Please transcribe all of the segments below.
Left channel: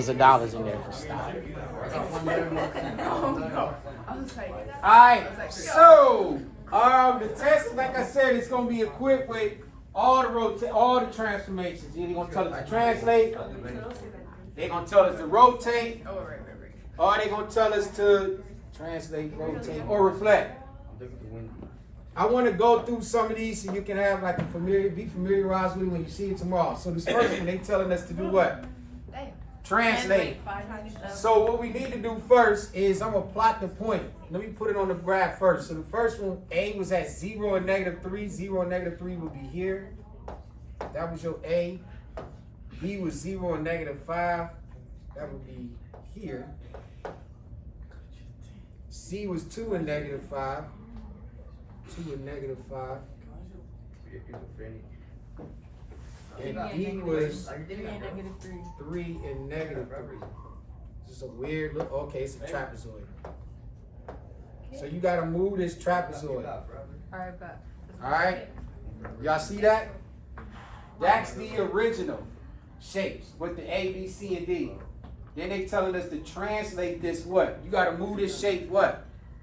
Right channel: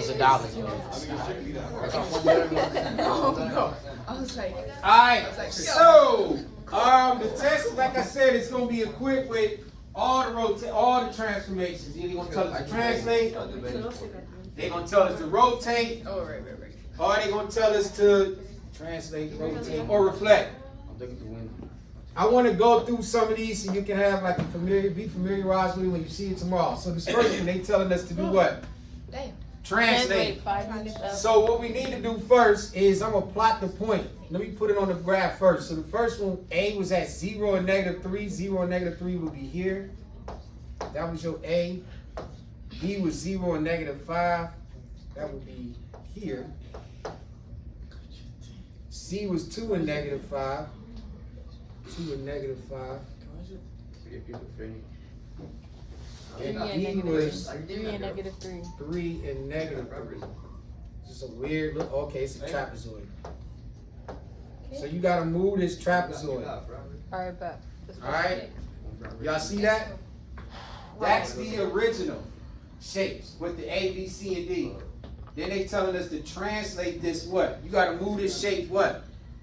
millions of dollars in there for stock. All right, so the test, like I said, it's gonna be equipped with all the transformations. They're gonna tell us to translate. They're gonna tell us to rotate. Or they're gonna tell us to translate, rotate, or reflect. I want to go through some of these so you can have like be familiarized with it when you see it tomorrow. So this first one, they telling us to do what? Translate. So what we need to do first is I'm gonna plot the point. Let me put it on the graph first. So the first one, A was at 0 and -3. 0 and -3 would be here. That was your A. B was 0 and -5. That would be here. C was 2 and -5. 2 and -5. And D was 3 and -3. 3 and -3. Just a weird look. Okay, it's a trapezoid. So you gotta move this trapezoid. Alright, bet. Alright? Y'all see that? That's the original shapes with the A, B, C, and D. Then they telling us to translate this what? You gotta move this shape what?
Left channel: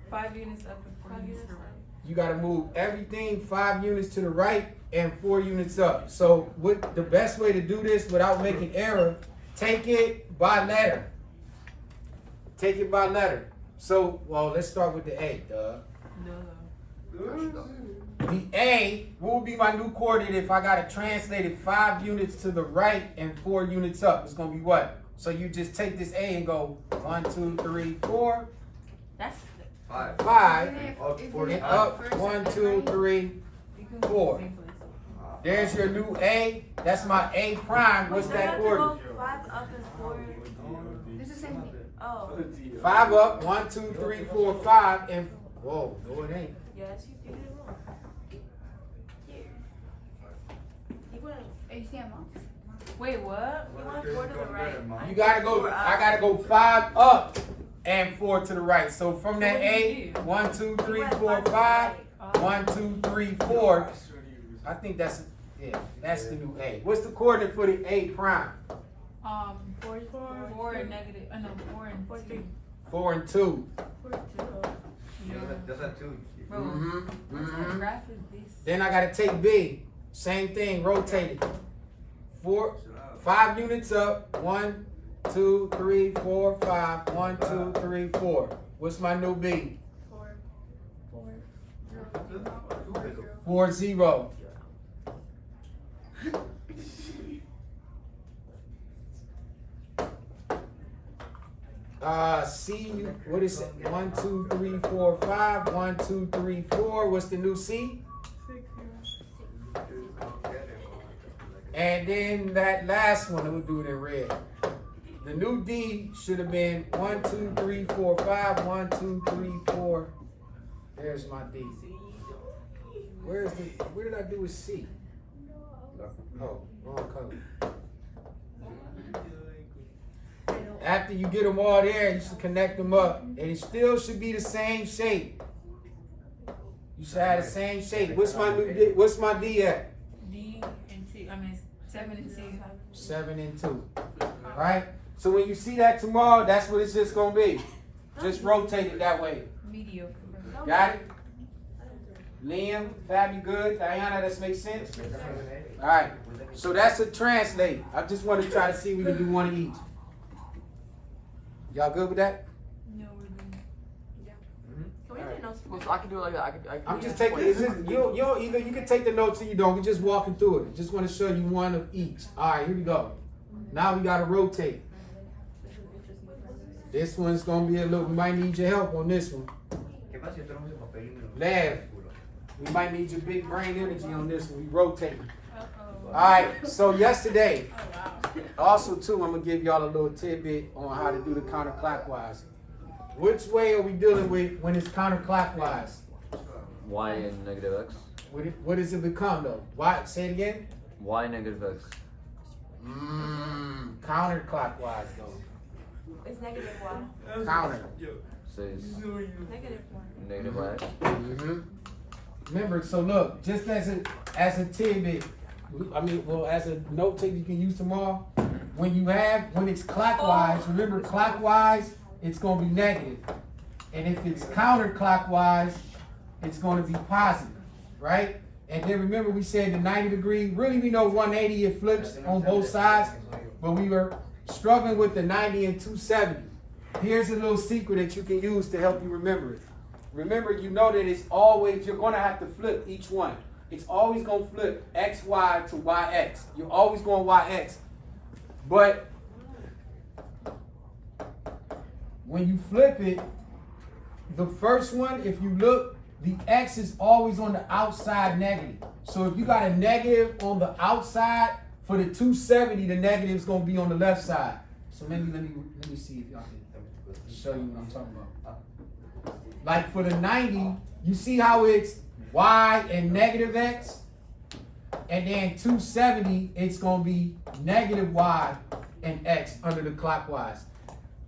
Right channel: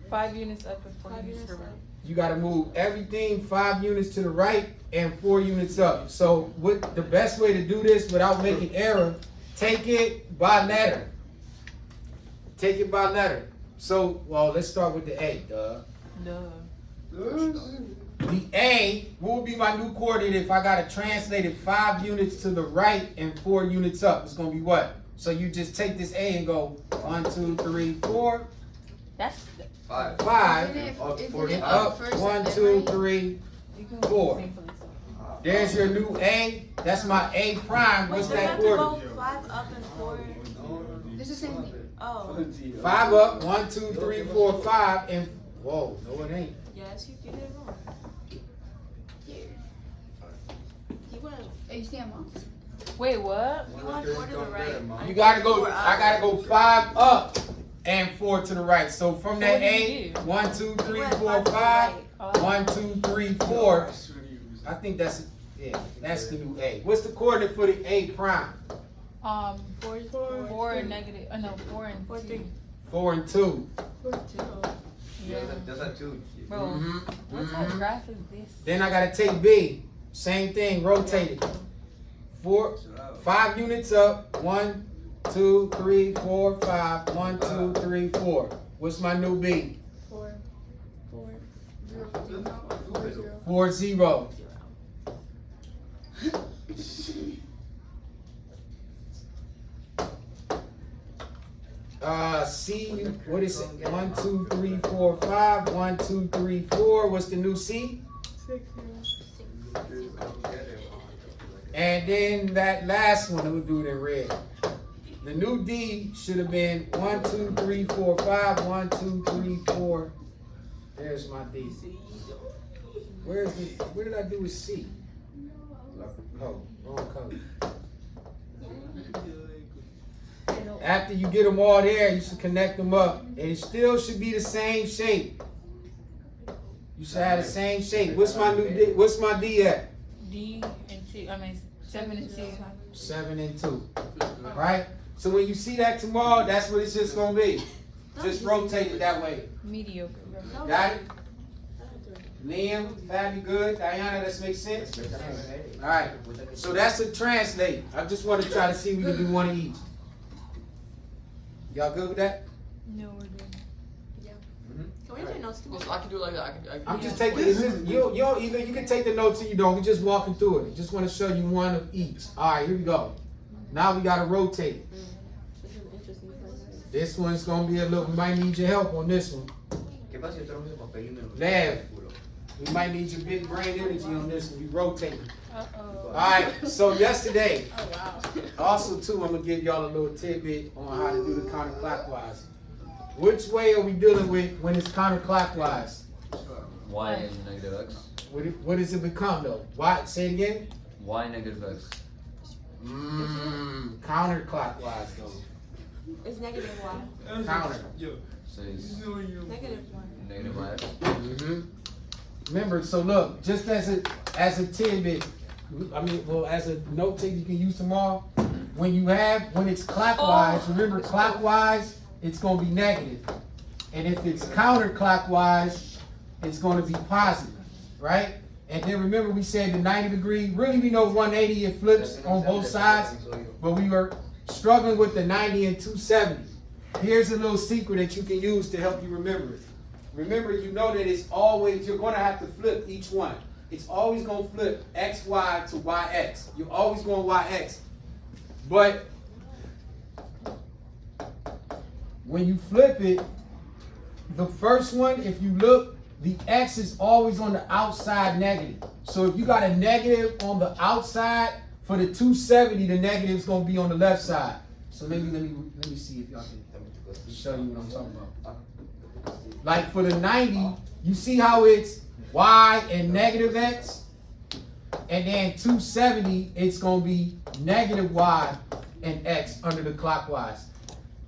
5 units up and 4 units to the right. You gotta move everything 5 units to the right and 4 units up. So what the best way to do this without making error, take it by letter. Take it by letter. So, well, let's start with the A, duh. The A, what would be my new coordinate if I gotta translate it 5 units to the right and 4 units up? It's gonna be what? So you just take this A and go 1, 2, 3, 4. That's 5 and up 1, 2, 3, 4. There's your new A. That's my A prime. What's that coordinate? 5 up and 4. It's the same thing. Oh. 5 up, 1, 2, 3, 4, 5, and whoa, no it ain't. Yes, you did it wrong. Wait, what? You want 4 to the right. You gotta go. I gotta go 5 up and 4 to the right. So from that A, 1, 2, 3, 4, 5. 1, 2, 3, 4. I think that's that's the new A. What's the coordinate for the A prime? 4 and negative. No, 4 and 2. 4 and 2. Yeah. That's a 2. Bro, what type of graph is this? Then I gotta take B. Same thing, rotate it. 5 units up. 1, 2, 3, 4, 5. 1, 2, 3, 4. What's my new B? 4, 0. C, what is it? 1, 2, 3, 4, 5. 1, 2, 3, 4. What's the new C? 6. And then that last one, we'll do it in red. The new D should have been 1, 2, 3, 4, 5. 1, 2, 3, 4. There's my D. Where did I do with C? Oh, wrong color. After you get them all there, you should connect them up. And it still should be the same shape. You should have the same shape. What's my new D? What's my D at? D and 2. I mean, 7 and 2. 7 and 2. Right? So when you see that tomorrow, that's what it's just going to be. Just rotate it that way. Mediocre. Got it? Liam, Fabi, good. Diana, this makes sense? All right. So that's a translate. I just want to try to see if we can do one of each. Y'all good with that? No, we're doing So I can do it like that. I'm just taking. It's just, you don't either. You can take the notes or you don't. We're just walking through it. Just want to show you one of each. All right, here we go. Now we got to rotate. This one's gonna be a little. We might need your help on this one. Lav, we might need your big brain energy on this one. We rotating. All right. So yesterday, also too, I'm gonna give y'all a little tidbit on how to do the counterclockwise. Which way are we dealing with when it's counterclockwise? Y and negative x. What does it become though? Why? Say it again. Y negative x. Counterclockwise though. It's negative y. Counter. Says Negative y. negative x. Remember, so look, just as a tidbit, I mean, well, as a note take you can use tomorrow. when it's clockwise, remember clockwise, it's gonna be negative. And if it's counterclockwise, it's gonna be positive, right? And then remember we said the 90 degree, really we know 180 it flips on both sides, but we were struggling with the 90 and 270. Here's a little secret that you can use to help you remember it. Remember, you know that it's always, you're gonna have to flip each one. It's always gonna flip XY to YX. You're always going YX. But when you flip it, the first one, if you look, the X is always on the outside negative. So if you got a negative on the outside, for the 270, the negative is gonna be on the left side. So maybe let me see if y'all can show you what I'm talking about. Like for the 90, you see how it's Y and negative X? And then 270, it's gonna be negative Y and X under the clockwise.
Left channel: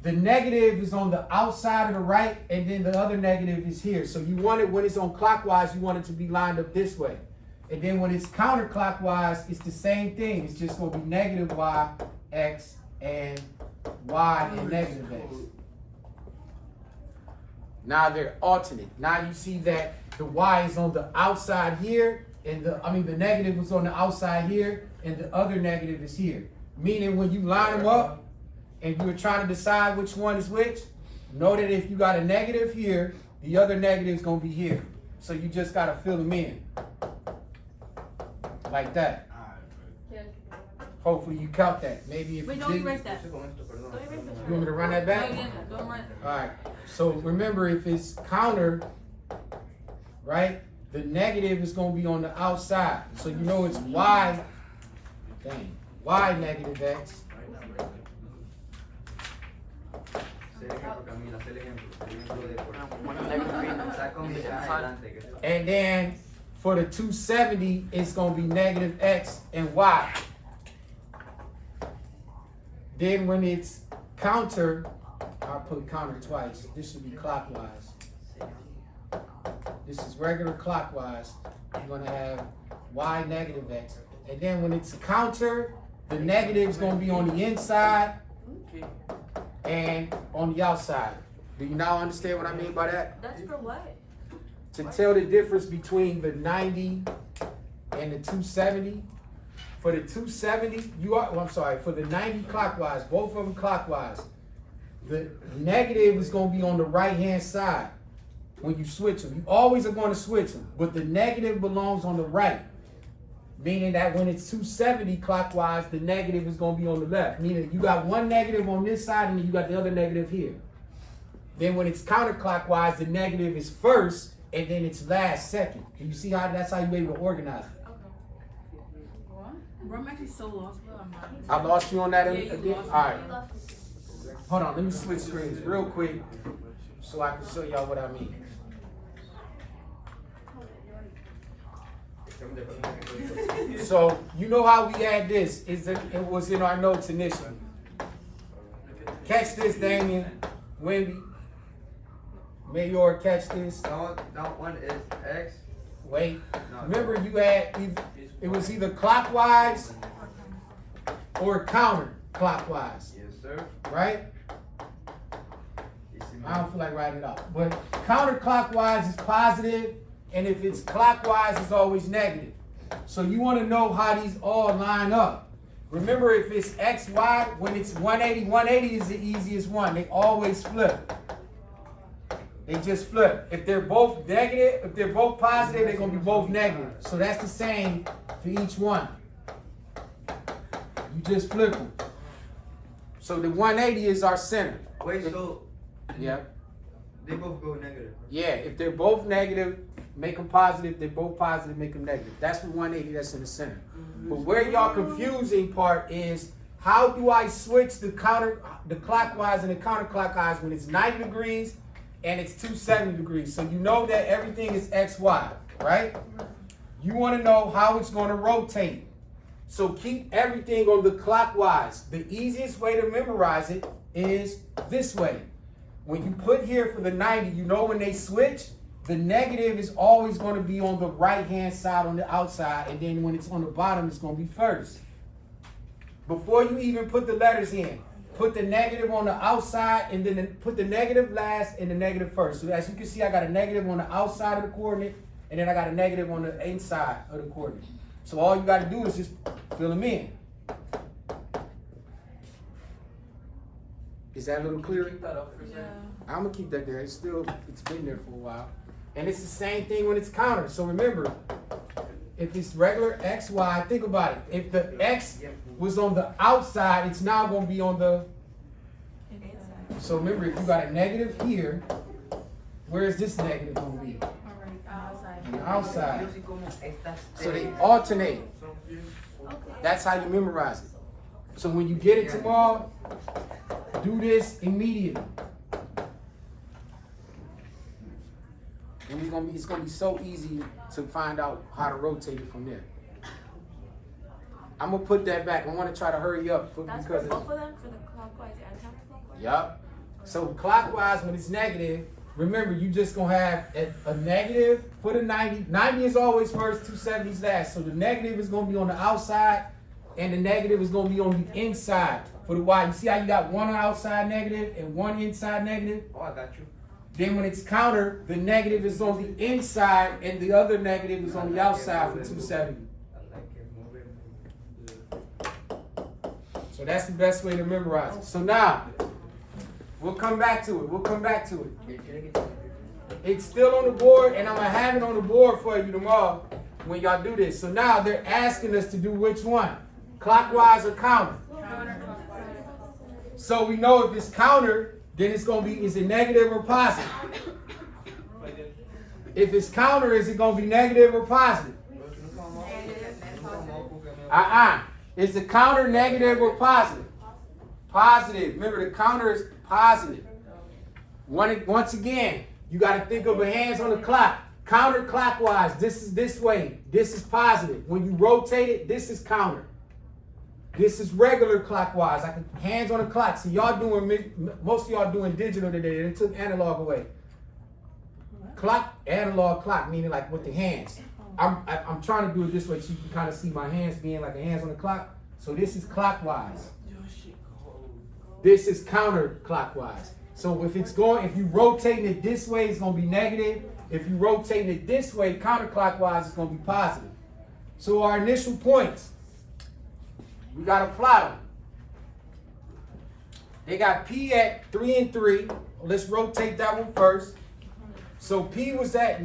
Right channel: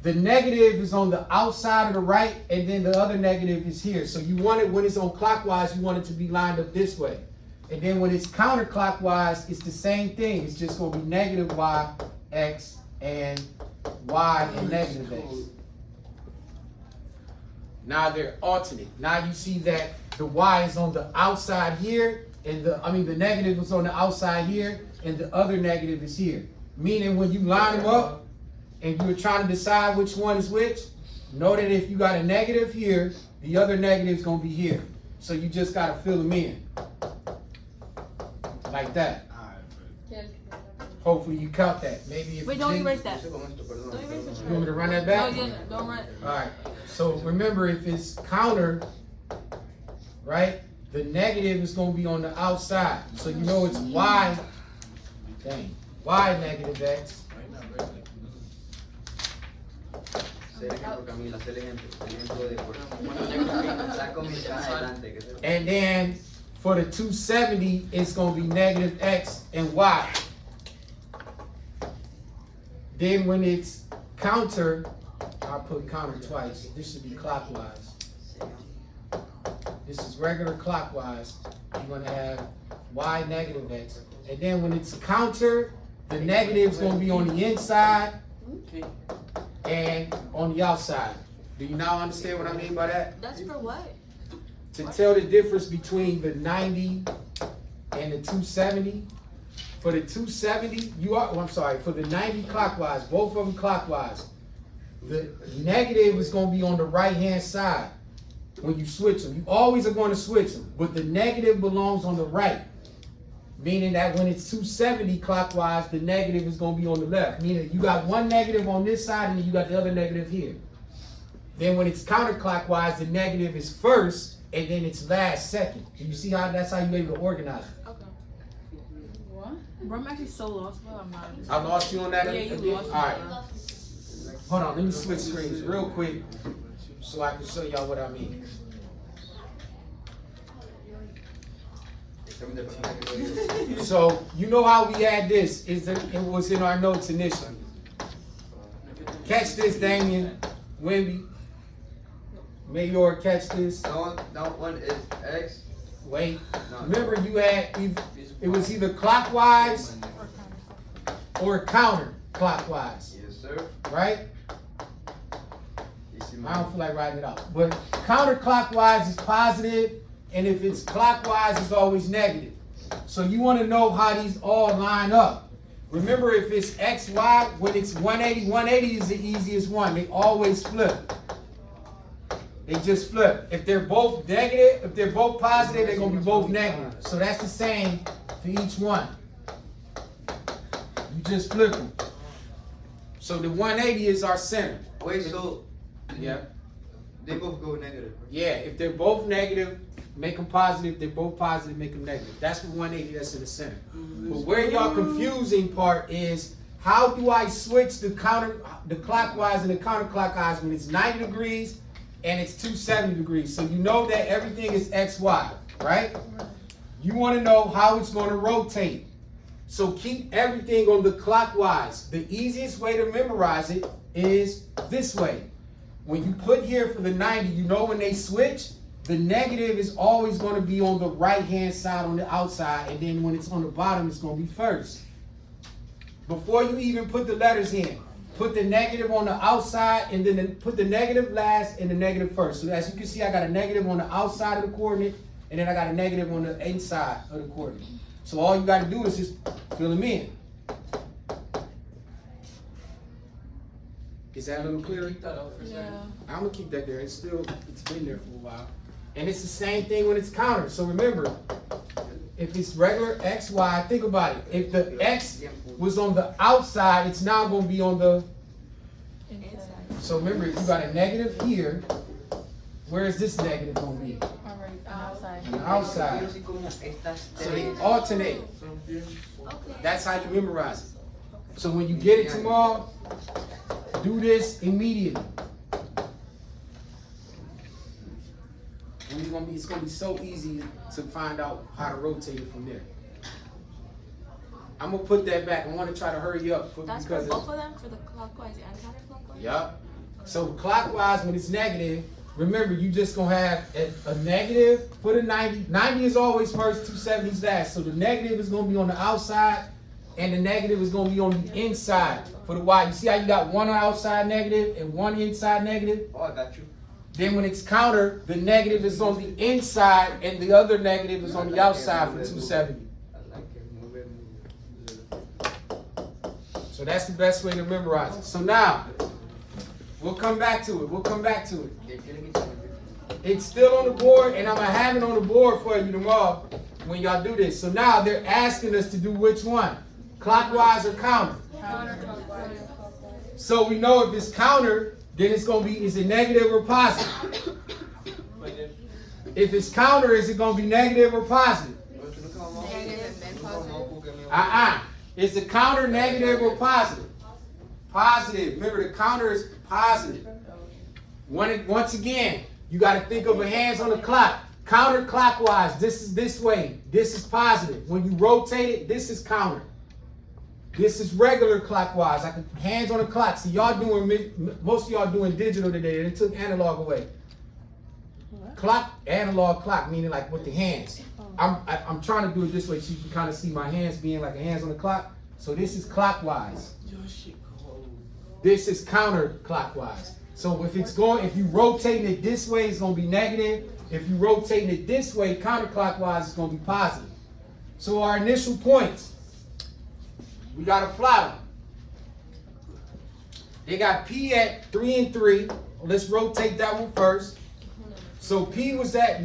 The negative is on the outside of the right, and then the other negative is here. So you want it, when it's on clockwise, you want it to be lined up this way. And then when it's counterclockwise, it's the same thing. It's just gonna be negative Y, X, and Y and negative X. Now they're alternate. Now you see that the Y is on the outside here, and the negative is on the outside here, and the other negative is here. Meaning when you line them up, and you're trying to decide which one is which, know that if you got a negative here, the other negative is gonna be here. So you just gotta fill them in. Like that. Hopefully you count that. Maybe if Wait, you don't didn't, erase that. you want me to run that back? No, yeah, don't run. Alright, so remember if it's counter, right, the negative is gonna be on the outside. So you know it's Y, Y negative X. And then for the 270, it's gonna be negative X and Y. Then when it's counter, I'll put counter twice. This should be clockwise. This is regular clockwise. You're gonna have Y negative X. And then when it's counter, the negative is gonna be on the inside and on the outside. Do you now understand what I mean by that? That's for what? To tell the difference between the 90 and the 270. For the 270, for the 90 clockwise, both of them clockwise, the negative is going to be on the right-hand side when you switch them. You always are going to switch them, but the negative belongs on the right. Meaning that when it's 270 clockwise, the negative is going to be on the left. Meaning you got one negative on this side and then you got the other negative here. Then when it's counterclockwise, the negative is first and then it's last second. Do you see how that's how you're able to organize it? Bro, I'm actually so lost. I lost you on that Yeah, you again? lost me. All right. Hold on, let me switch screens real quick so I can show y'all what I mean. So, you know how we had this, it was in our notes initially. Catch this, Damien, Wimby, Mayor, catch this. No, one is X. Wait, remember you had, it was either clockwise or counterclockwise. Yes, sir. Right? I don't feel like writing it out. But counterclockwise is positive, and if it's clockwise, it's always negative. So you want to know how these all line up. Remember, if it's XY, when it's 180, 180 is the easiest one. They always flip. They just flip. If they're both negative, if they're both positive, they're going to be both negative. So that's the same for each one. You just flip them. So the 180 is our center. Wait, so Yeah. they both go negative. Yeah, if they're both negative, make them positive. If they're both positive, make them negative. That's what 180, that's in the center. But where y'all confusing part is, how do I switch the clockwise and the counterclockwise when it's 90 degrees and it's 270 degrees? So you know that everything is XY, right? You want to know how it's going to rotate. So keep everything on the clockwise. The easiest way to memorize it is this way. When you put here for the 90, you know when they switch, the negative is always going to be on the right-hand side on the outside, and then when it's on the bottom, it's going to be first. before you even put the letters in, put the negative on the outside and then put the negative last and the negative first. So as you can see, I got a negative on the outside of the coordinate and then I got a negative on the inside of the coordinate. So all you got to do is just fill them in. Is that a little clearer? Yeah. I'm gonna keep that there. It's been there for a while. And it's the same thing when it's countered. So remember, if it's regular X, Y, think about it. If the X was on the outside, it's now gonna be on the, so remember, if you got a negative here, where is this negative gonna be? On the outside. So they alternate. That's how you memorize it. So when you get it tomorrow, do this immediately. And it's gonna be so easy to find out how to rotate it from there. I'm gonna put that back. I want to try to hurry up That's because for both of them, for the clockwise and counterclockwise? Yep. So clockwise, when it's negative, remember you just gonna have a negative for the 90. 90 is always first, 270s last. So the negative is gonna be on the outside, and the negative is gonna be on the inside for the Y. You see how you got one outside negative and one inside negative? Oh, I got you. Then when it's countered, the negative is on the inside and the other negative is on the outside for 270. So that's the best way to memorize it. So now, we'll come back to it. It's still on the board, and I'm going to have it on the board for you tomorrow when y'all do this. So now they're asking us to do which one? Clockwise or counter? So we know if it's counter, then it's going to be, is it negative or positive? If it's counter, is it going to be negative or positive? Is the counter negative or positive? Positive. Remember, the counter is positive. Once again, you got to think of a hands on the clock. Counterclockwise, this is this way. This is positive. When you rotate it, this is counter. This is regular clockwise. I can hands on the clock. See, y'all doing, most of y'all doing digital today. They took analog away. Clock, analog clock, meaning like with the hands. I'm trying to do it this way so you can kind of see my hands being like a hands on the clock. So this is clockwise. This is counterclockwise. So if you rotating it this way, it's going to be negative. If you rotating it this way, counterclockwise, it's going to be positive. So our initial points, we got to plot them. They got P at 3 and 3. Let's rotate that one first. So P was at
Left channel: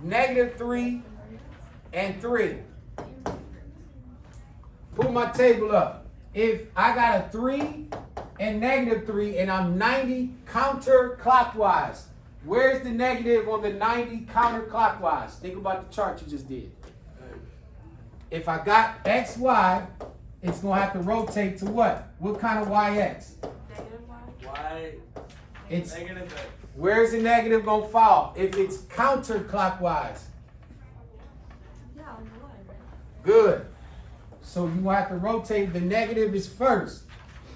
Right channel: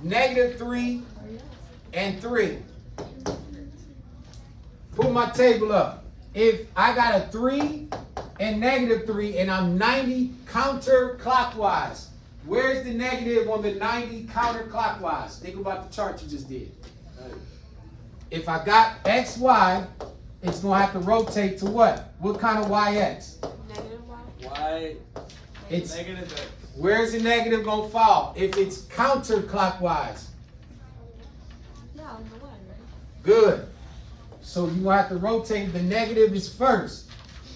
negative 3 and 3. Pull my table up. If I got a 3 and negative 3 and I'm 90 counterclockwise, where's the negative on the 90 counterclockwise? Think about the chart you just did. If I got X, Y, it's going to have to rotate to what? What kind of YX? Negative Y? Y. It's Negative X. where's the negative going to fall? If it's counterclockwise. Yeah, on the Y, right? Good. So you have to rotate. The negative is first.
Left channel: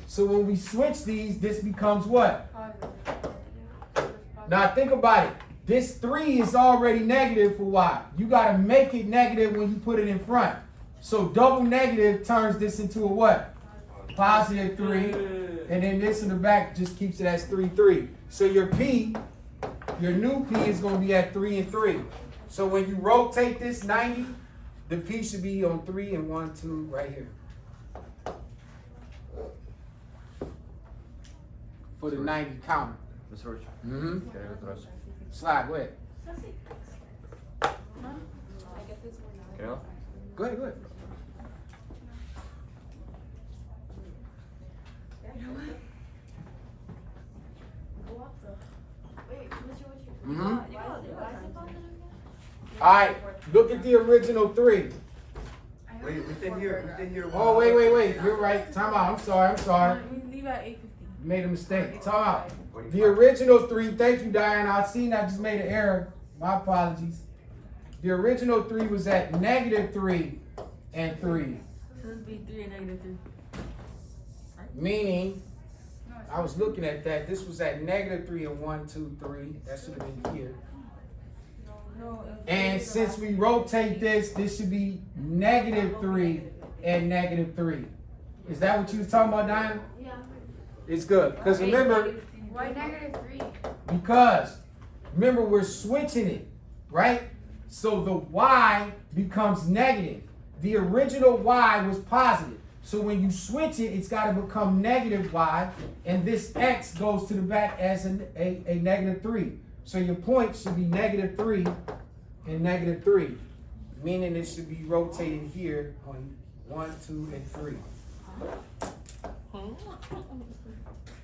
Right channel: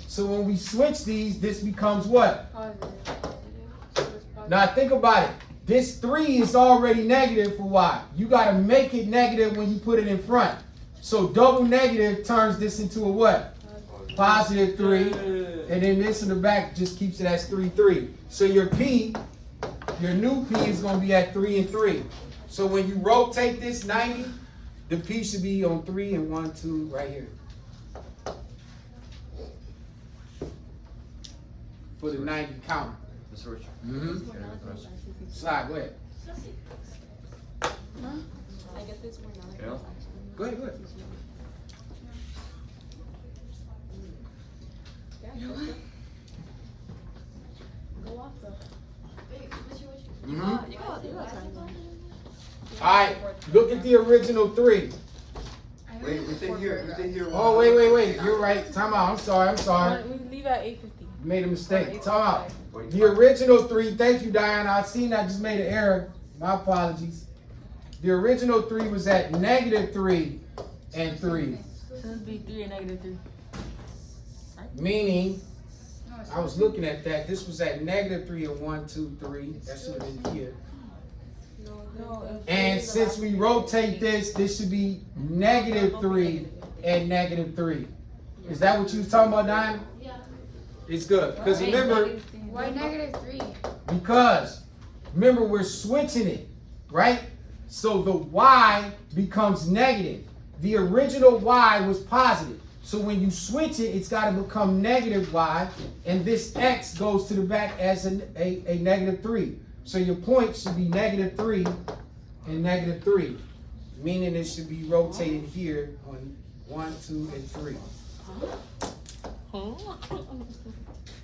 So when we switch these, this becomes what? Now think about it. This 3 is already negative for Y. You got to make it negative when you put it in front. So double negative turns this into a what? Positive 3. And then this in the back just keeps it as 3, 3. So your P, your new P is going to be at 3 and 3. So when you rotate this 90, the P should be on 3 and 1, 2 right here. For the 90 count. Mm-hmm. Slide, go ahead. I get this one. Go ahead, go ahead. Mm-hmm. All right, look at the original 3. Wait, you think here? Oh, wait. You're right. Time out. I'm sorry. We leave at 8:50. Made a mistake. Time out. The original 3, thank you, Diana. I seen I just made an error. My apologies. The original 3 was at negative 3 and 3. So this would be 3 and negative 3. Meaning, I was looking at that. This was at negative 3 and 1, 2, 3. That should have been here. And since we rotate this, this should be negative 3 and negative 3. Is that what you was talking about, Diana? Yeah. It's good. Because remember, Why -3? because remember we're switching it, right? So the y becomes negative. The original y was positive. So when you switch it, it's got to become negative y, and this x goes to the back as a -3. So your point should be -3 and -3, meaning it should be rotated here on 1, 2, and 3.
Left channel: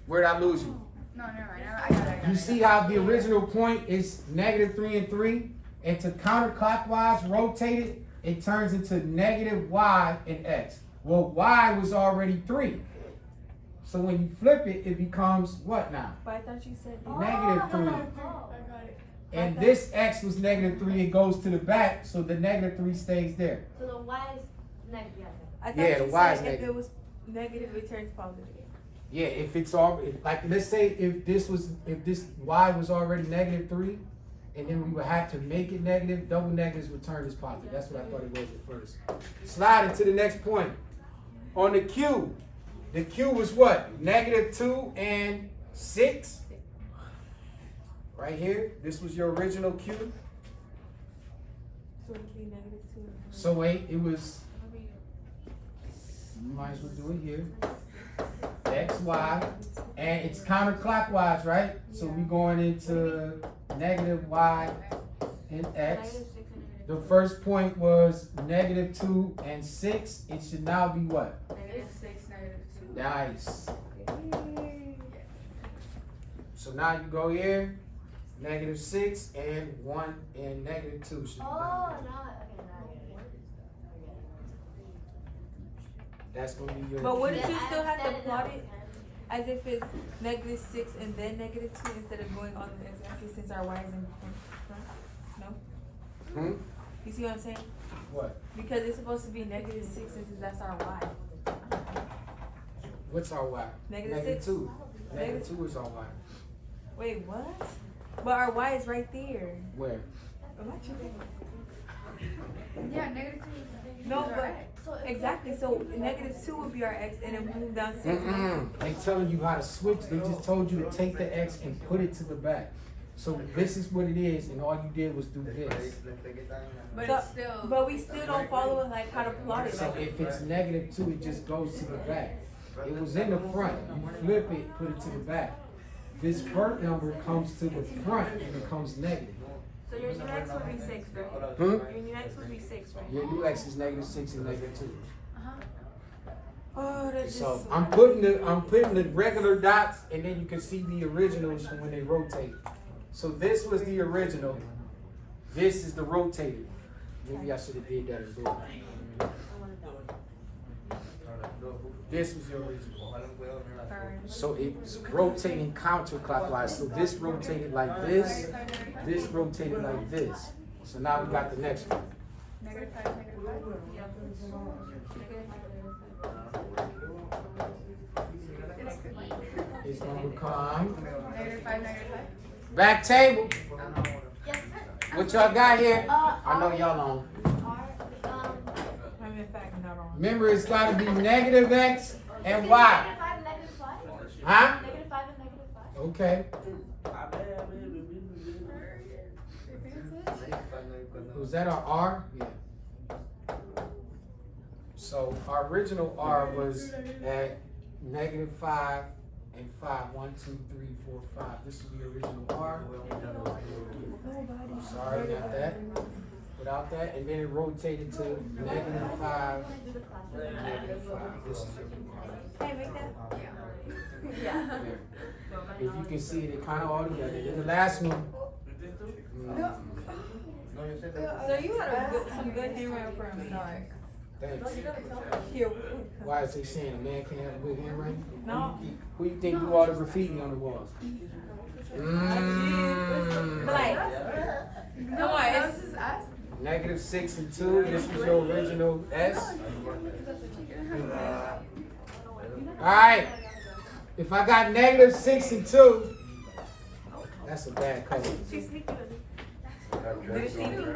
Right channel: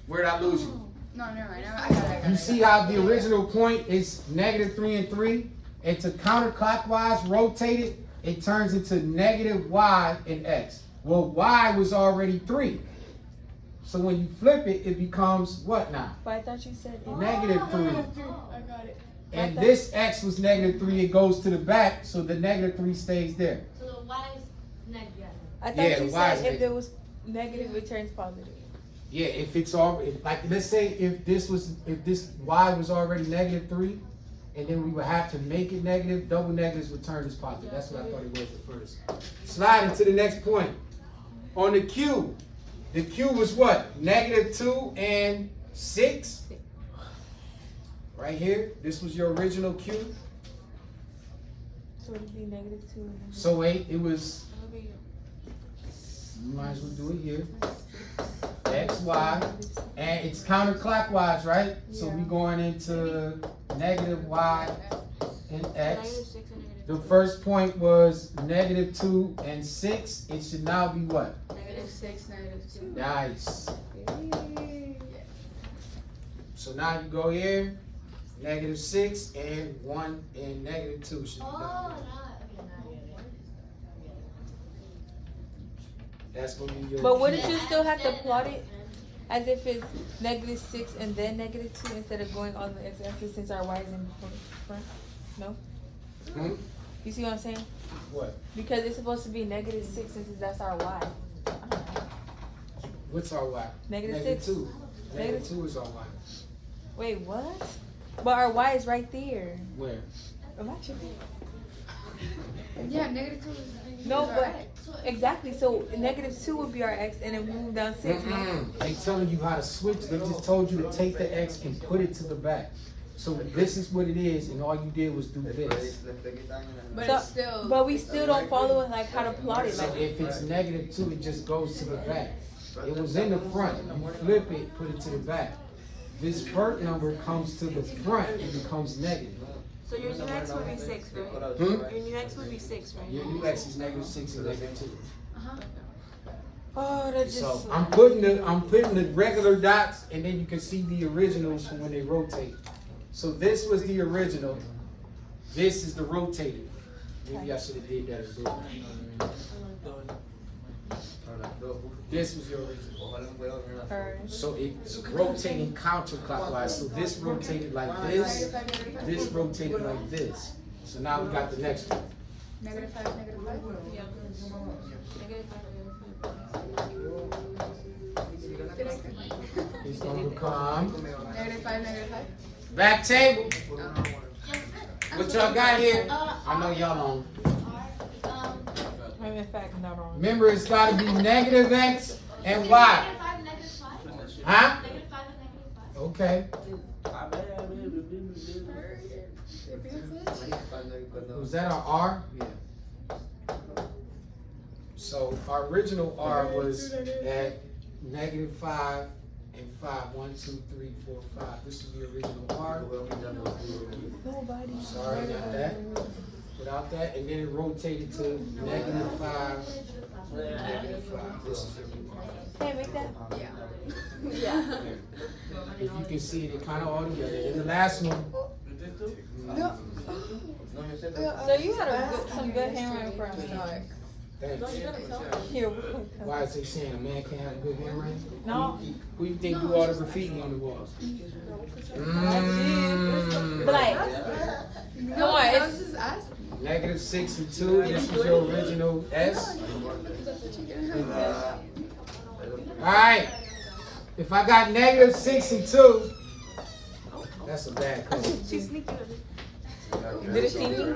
Where'd I lose you? No, never mind. You see how the original point is -3 and 3, and to counterclockwise rotate it, it turns into -y and x. Well, y was already 3. So when you flip it, it becomes what now? But I thought you said -3. I got it. And this x was -3, it goes to the back, so the -3 stays there. So the y is negative. I thought Yeah, you the y is said if negative. it was negative, it turns positive. Yeah, if it's all, like, let's say if this y was already -3, and then we would have to make it negative, double negatives would turn this positive. That's what I thought it was at first. Slide into the next point. On the Q was what? -2 and 6. Right here, this was your original Q. So it would be -2. So wait, it was, you might as well do it here. X, Y, and it's counterclockwise, right? So we going into -y and x. The first point was -2 and 6. It should now be what? -6, -2. Nice. So now you go here, -6 and 1 and -2 should be Oh, done. no. That's gonna be your But Q. wouldn't you still have to plot it as if it's -6 and then -2 instead of going on the x-axis since our y is in front? No? Hmm? You see what I'm saying? What? Because it's supposed to be -6 since that's our y. What's our y? -6. -2. -2 is our y. Wait, what? But our y is right there. Where? Am I tripping? Yeah, -2. No, but exactly. So -2 would be our x, and then move down 6. They telling you how to switch. They just told you to take the x and put it to the back. So this is what it is, and all you did was do this. But So, it's still. but we still don't follow like how to plot it. So if it's -2, it just goes to the back. It was in the front. You flip it, put it to the back. This part number comes to the front, it becomes negative. So your new x would be 6, right? Hmm? Your new x would be 6, right? Your new x is -6 and -2. Oh, that's So just. I'm putting the regular dots, and then you can see the originals from when they rotate. So this was the original. This is the rotated. Maybe I should have did that in blue. This was the original. So it's rotating counterclockwise. So this rotated like this. This rotated like this. So now we got the next one. -5, It's gonna become -5. back table. Yes. What y'all got here? I know y'all don't. I'm in fact not wrong. Remember, it's got to be -x and y. -5 and -5? Huh? -5 and -5. Okay. Was that our R? Yeah. So our original R was at -5 and 5. 1, 2, 3, 4, 5. This is the original R. Sorry, not that. Without that, and then it rotated to -5, -5. This is your new R. Hey, make that. Yeah. There. If you can see it, it kind of all together. And the last one. So you got some good handwriting for me. Thanks. Here. Why is they saying a man can't have a good handwriting? No. Who you think do all the graffiti on the walls? Like, come on, it's -6 and 2. This was your original S. Alright. If I got -6 and 2, that's a bad color. did it see me?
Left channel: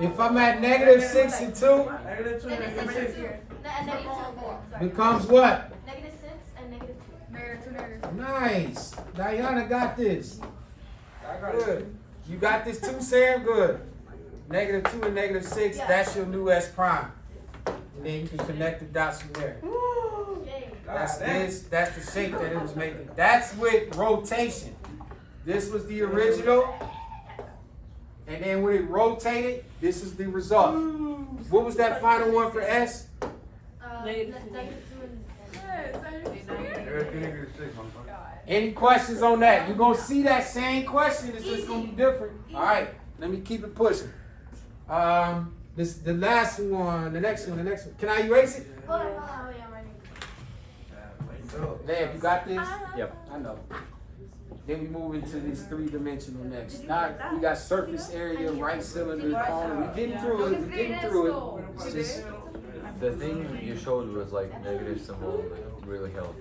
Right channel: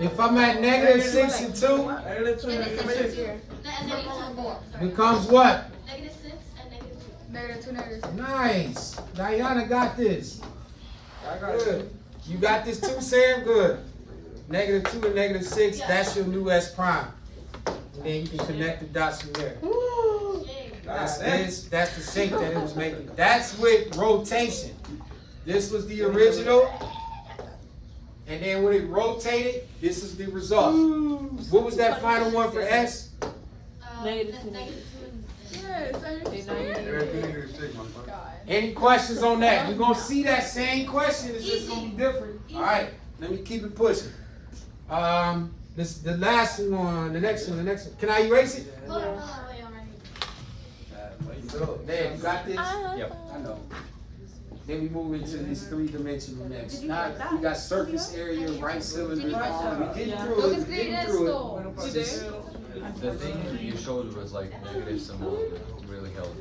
If I'm at -6 and 2, And then becomes what? -6 and -2. -2. Nice. Diana got this. Good. You got this too, Sam? Good. -2 and -6, that's your new S prime. And then you can connect the dots from there. That's this, that's the shape that it was making. That's with rotation. This was the original. And then when it rotated, this is the result. What was that final one for S? -2 Any questions on that? You're gonna see that same question, it's just gonna be different. Alright, let me keep it pushing. This the last one, the next one. Can I erase it? Hold on, wait, I'm ready. Man, you got this? Yep. I know. Then we move into this 3-dimensional next. Now we got surface area, right cylinder, cone. We're getting through it. It's just, The thing you showed was like negative symbol really helped.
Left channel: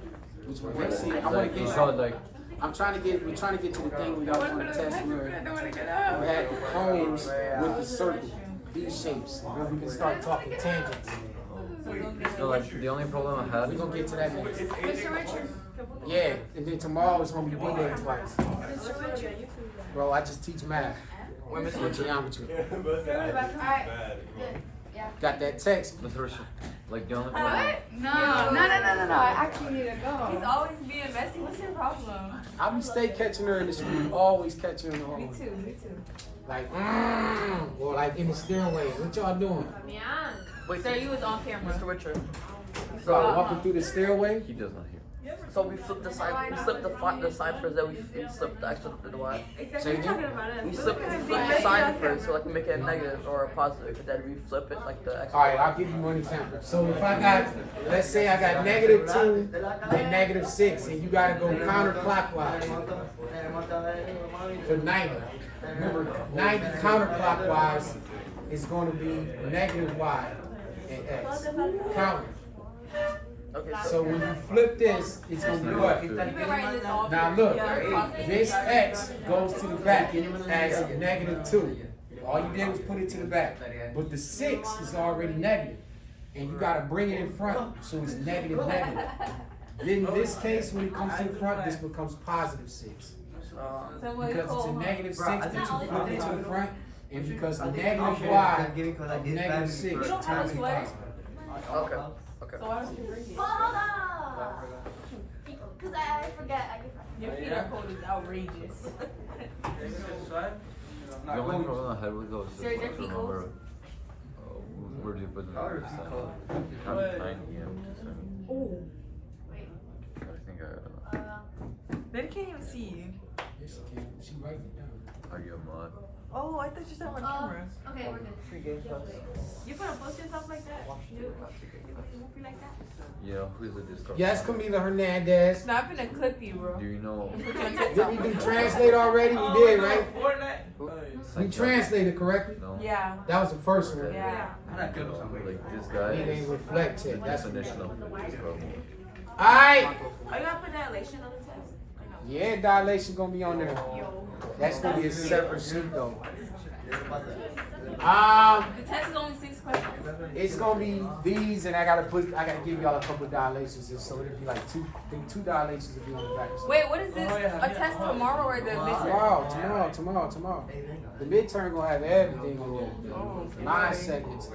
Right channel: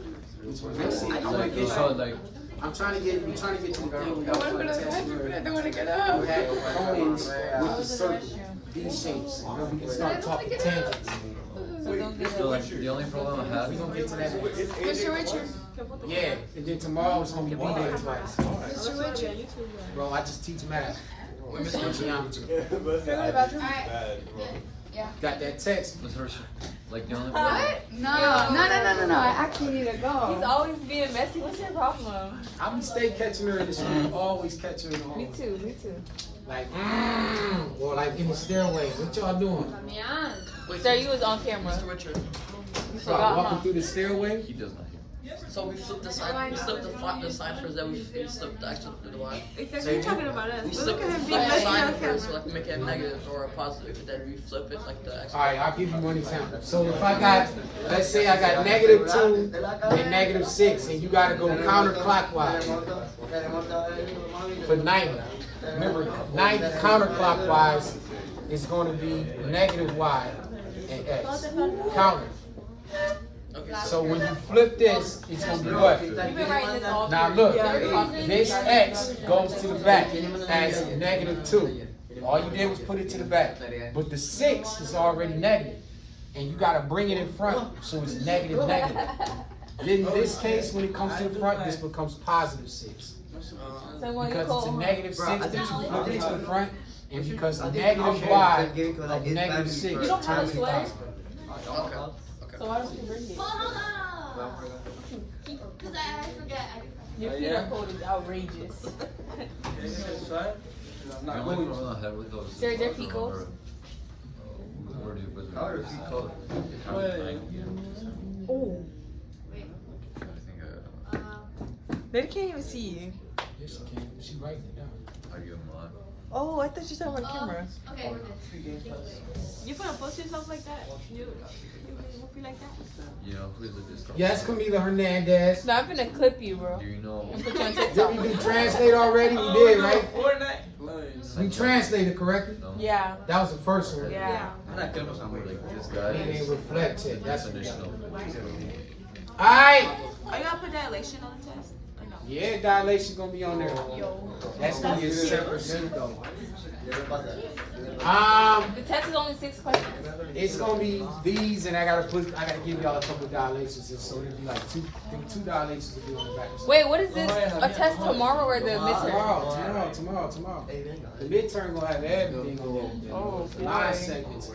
let's see. I want to You get. showed like We're trying to get to the thing we got on the test where we had the cones with the circle, these shapes, and then we can start talking tangents. so like the only problem I had We're gonna get to that next. Mr. Richard. Yeah, and then tomorrow it's gonna be B-Day twice. Mr. Richard. Bro, I just teach math. And geometry. Got that text. Mr. Richard, like the only What? problem. No. I actually need to He's go. always being messy. What's your problem? I'm stay catching her in the street, always catching her in the Me home. too. Me too. Like, or like in the stairway. What y'all doing? Sir, you was on camera. Mr. Richard. So I walking through the stairway. He does not hear. So we flipped the side. We slipped the side first. Then we slipped the extra to the Y. So you, We flip the side first, so like make it a negative or a positive. Then we flip it like the extra. all right, I'll give you one example. So if I got, let's say I got -2 and -6, and you gotta go counterclockwise for 90. Remember, 90 counterclockwise is going to be -y and x. Counter. Okay. So when you flip this, it's going to be what? You've been writing this all Now look, this x goes to the back as -2. All you did was put it to the back. But the 6 is already negative. And you got to bring it in front, so it's negative. Then in this case, when it comes to the front, this becomes +6. So when you Because it's a call, -6 that you flip it to the front, and because the negative y of -6 turns to positive. Okay. so why don't you bring it? Hold on. Because I forget. Your feeder code is outrageous. The only problem I had with those. Sir, their feet goes? Where do you put them? Oh. I think They can't even see you. Yes, she can. She writing it down. are you a mod? Oh, I thought you said on camera. Okay, we're good. You gonna post yourself like that? You feel like that? You know who is it? This stuff? Yes, Camila Hernandez. No, I'm gonna clip you, bro. Do you know? Put you on Did TikTok. we do translate already? We did, right? We translated correctly. No. Yeah. That was the first one. Yeah. Like this guy. It ain't reflect yet. That's what we got. Additional. Alright. Are you gonna put dilation on the test? Yeah, dilation gonna be on there. That's gonna be a separate sheet though. The test is only 6 questions. It's gonna be these, and I gotta give y'all a couple of dilations, and so it'll be like two dilations will be on the back. Wait, what is this? A test tomorrow or the midterm? Tomorrow. The midterm gonna have everything on there. 9 segments.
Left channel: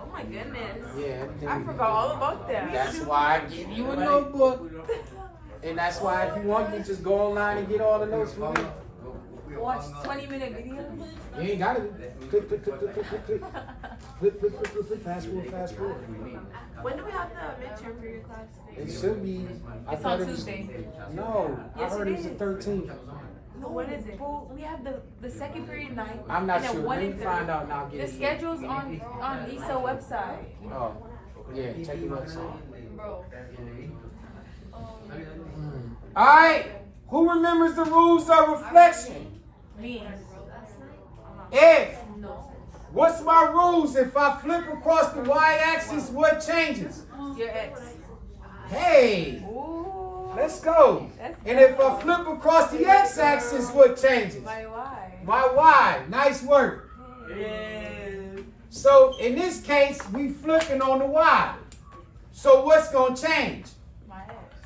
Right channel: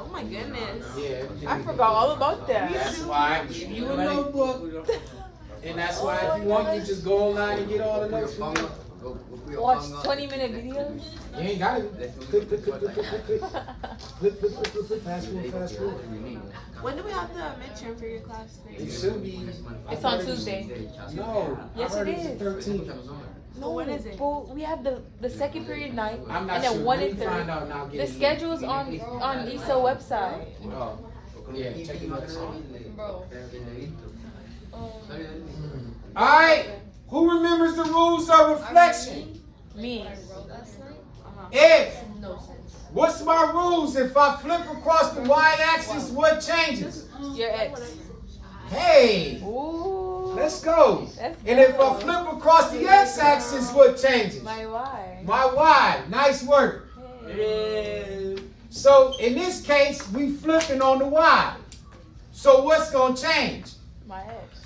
Oh my goodness. Yeah, everything. I forgot all about that. That's why I give you a notebook. And that's why if you want, you just go online and get all the notes from me. Watch 20-minute videos. You ain't gotta click. Flip, fast forward. When do we have the midterm for your class? It should be. I It's thought on it was- Tuesday. No, I Yes, heard it it was the is. 13th. No, when is it? Well, we have the second period night. I'm not and then sure. 1 Let and me 3. find out now. The schedule's on ISA website. Oh, yeah, check the website. All right, who remembers the rules of reflection? Me. What's my rules? If I flip across the y-axis, what changes? Your ex. Hey, Ooh. let's go. That's And if I flip across the x-axis, what changes? My why? My y. Nice work. Hey. So in this case, we flipping on the y. So what's gonna change? My X.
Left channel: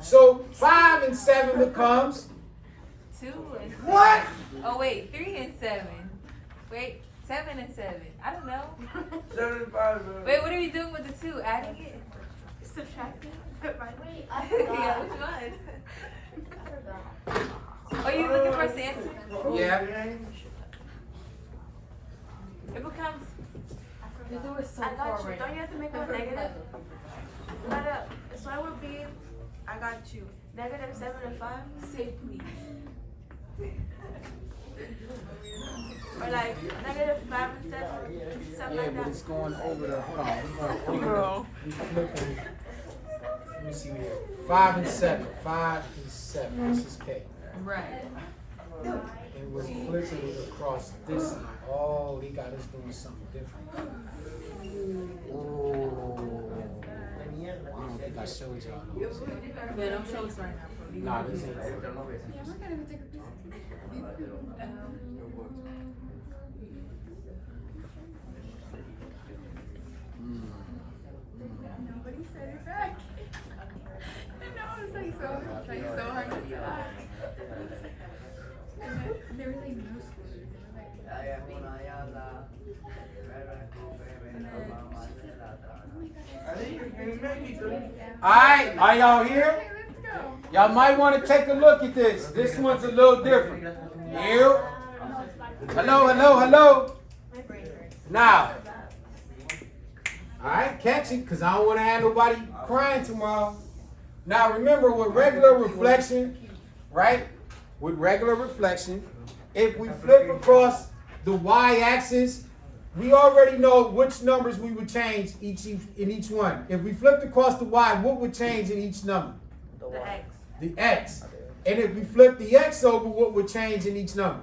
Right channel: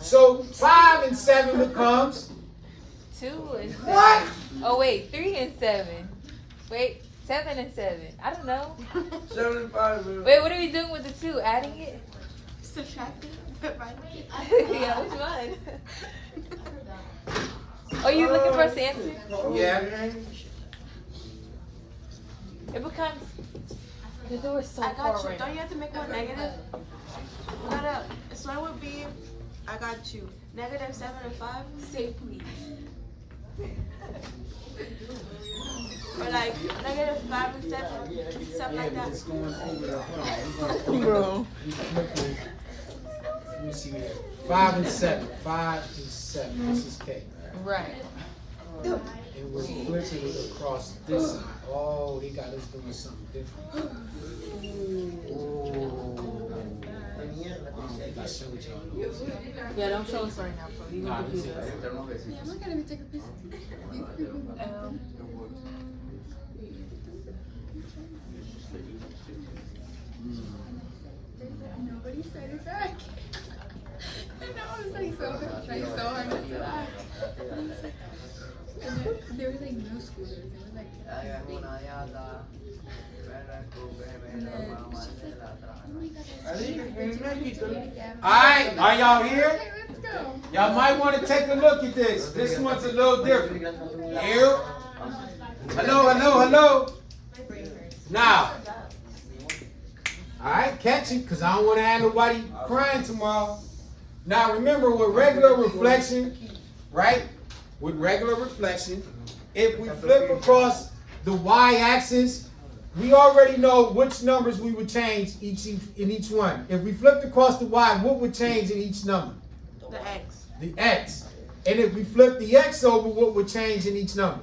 So 5 and 7 becomes 2 and 7. what? Oh wait, 3 and 7. Wait, 7 and 7. I don't know. 7 and 5, man. Wait, what are we doing with the 2? Adding it? Subtracting. Yeah, which one? Oh, you looking for us to answer? Yeah. It becomes. They were so I far got you. right Don't you have to make one negative? So I would be, I got you. Negative 7 and 5? Say please. Or like negative 5 and 7? Something Yeah, like but that. it's going over the, hold on, we're going over the, flipping. Let me see here. 5 and 7, 5 and 7, this is K. Right. And we're flipping it across this line. Oh, they got us doing something different. Oh. I don't think I showed y'all those. Yeah, don't show us right now, bro. You Nah, gonna this do ain't it. Alright, are y'all here? Y'all might want to take a look at this. This one's a little different. You? Hello, hello, hello. Now, alright, catch it, because I don't want to have nobody crying tomorrow. Now remember, with regular reflection, right? With regular reflection, if we flip across the y-axis, we already know which numbers we would change in each one. If we flipped across the y, what would change in each number? The X. The x. And if we flip the x over, what would change in each number?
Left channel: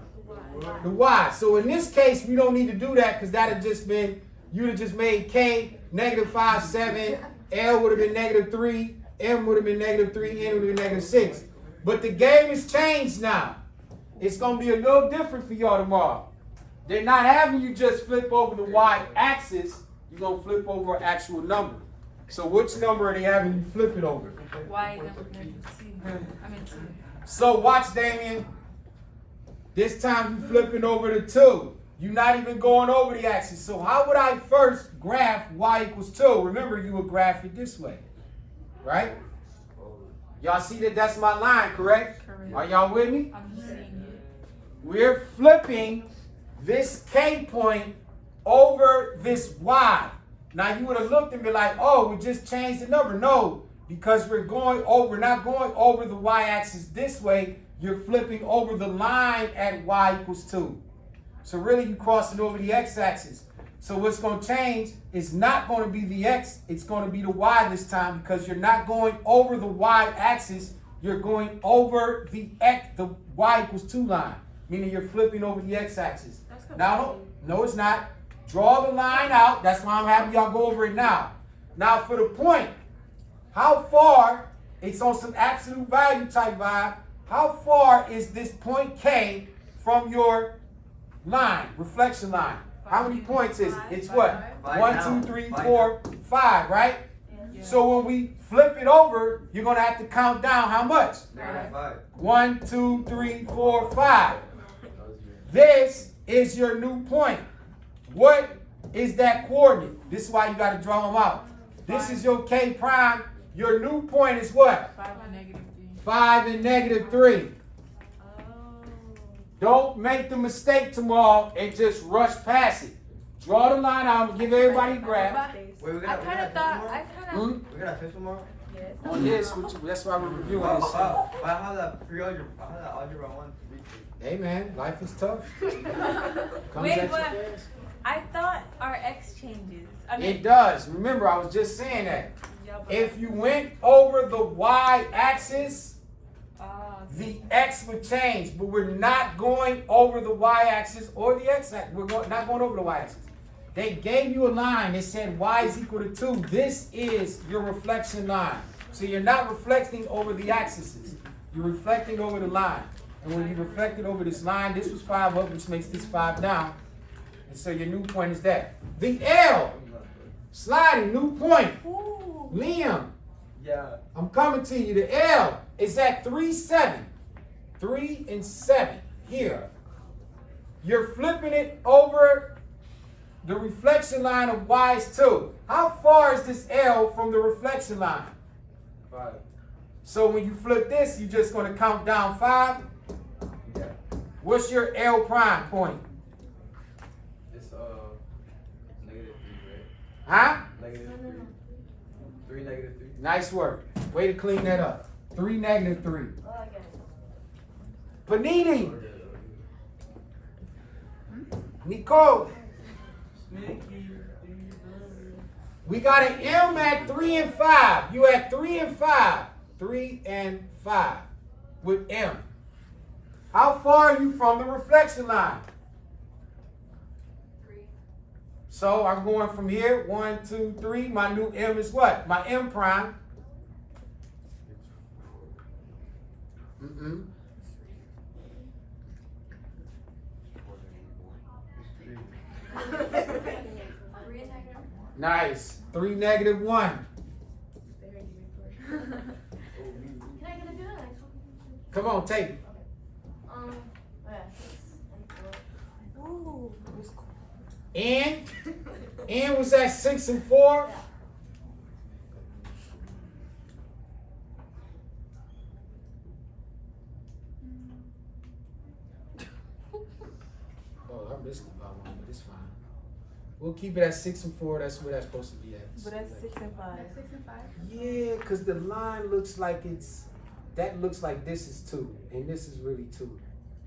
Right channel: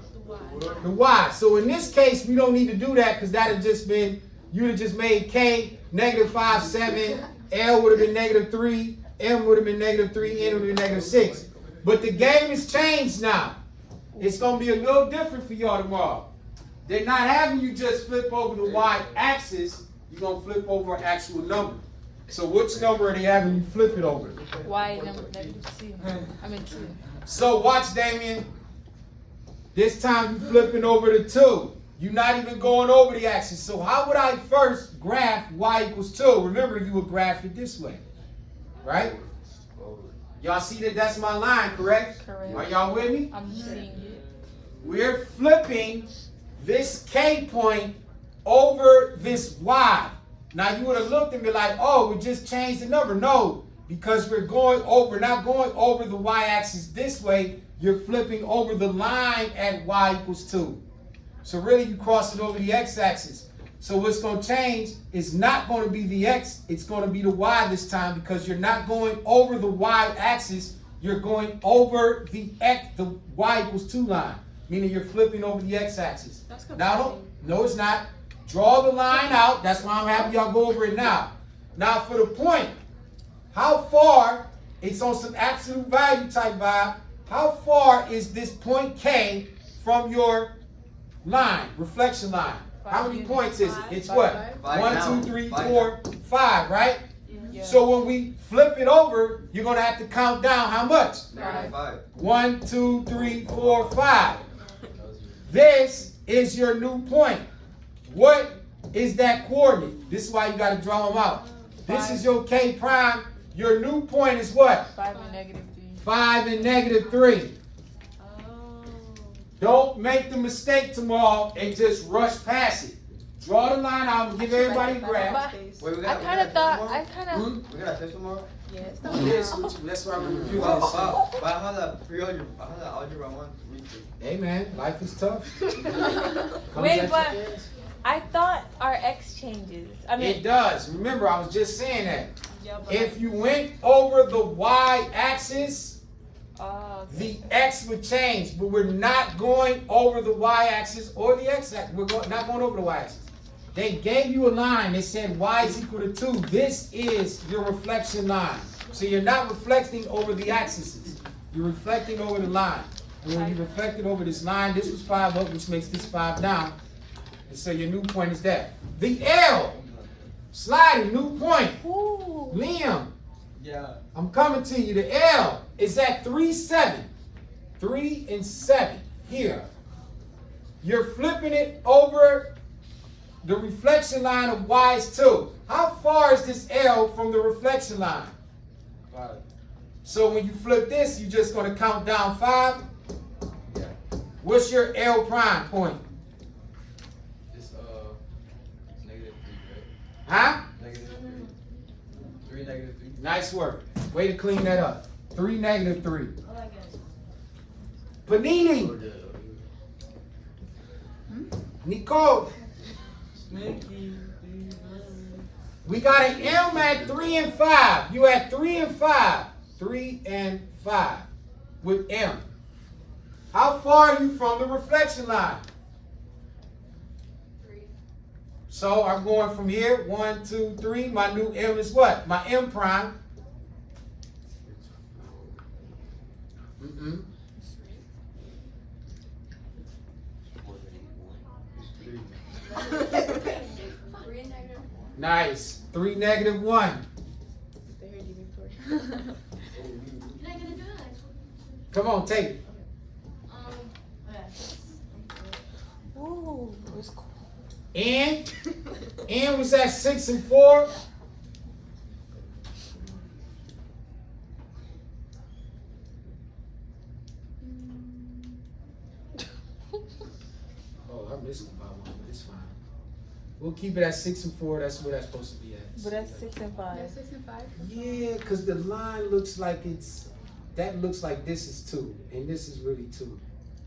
The y. So in this case, we don't need to do that because that had just been, you'd have just made k negative 5, 7, L would have been negative 3, M would have been negative 3, N would have been negative 6. But the game has changed now. It's going to be a little different for y'all tomorrow. They're not having you just flip over the y-axis. You're going to flip over an actual number. So which number are they having you flip it over? Y negative 2. I mean 2. So watch, Damien. This time you're flipping over the 2. You're not even going over the axis. So how would I first graph y equals 2? Remember, you would graph it this way. Right? Y'all see that that's my line, correct? Correct. Are y'all with me? I'm seeing it. We're flipping this K point over this Y. Now you would have looked and be like, oh, we just changed the number. No, because we're not going over the Y-axis this way. You're flipping over the line at Y equals 2. So really you cross it over the X-axis. So what's going to change is not going to be the X, it's going to be the Y this time because you're not going over the Y-axis, you're going over the X, the Y equals 2 line, meaning you're flipping over the X-axis. Now, no, it's not. Draw the line out. That's why I'm having y'all go over it now. Now, for the point, how far, it's on some absolute value type vibe, how far is this point K from your line, reflection line? How many points is it? It's what? 1, 2, 3, 4, 5, right? Yeah. So when we flip it over, you're going to have to count down how much? 5. 1, 2, 3, 4, 5. This is your new point. What is that coordinate? This is why you got to draw them out. This is your K prime. Your new point is what? 5 and negative 3. 5 and negative 3. Don't make the mistake tomorrow and just rush past it. Draw the line out and give everybody a graph. Wait, we I got kind of thought, We got a test tomorrow? yes. Yes, that's why I'm reviewing Wow, this. wow. But I had that pre-algebra, I had that algebra 1 week. Hey man, life is tough. Comes Wait, at you but fast. I thought our X changes. I mean, It does. Remember, I was just saying that. If you went over the y-axis, the x would change, but we're not going over the y-axis or the x-axis. We're not going over the y-axis. They gave you a line that said y is equal to 2. This is your reflection line. So you're not reflecting over the axes. You're reflecting over the line. And when you reflected over this line, this was 5 up, which makes this 5 down. And so your new point is that. The L. Sliding, new point. Ooh. Liam, Yeah. I'm coming to you. The L is at 3, 7. 3 and 7 here. You're flipping it over the reflection line of Y is 2. How far is this L from the reflection line? 5. So when you flip this, you're just going to count down 5. Yeah. What's your L prime point? It's negative 3, right? Huh? Negative 3. 3 negative 3. Nice work. Way to clean that up. 3 negative 3. Oh, I get it. Panini. Nicole. We got an M at 3 and 5. You at 3 and 5. 3 and 5 with M. How far are you from the reflection line? 3. So I'm going from here. 1, 2, 3. My new M is what? My M prime. Mm-mm. Nice. 3 negative 1. Can I get a good? Come on, take it. Ooh. N was at 6 and 4. Oh, I missed about one, but it's fine. We'll keep it at 6 and 4. That's where that's supposed to be at. But that's 6 and 5. Yeah, because the line looks like it's, that looks like this is 2, and this is really 2.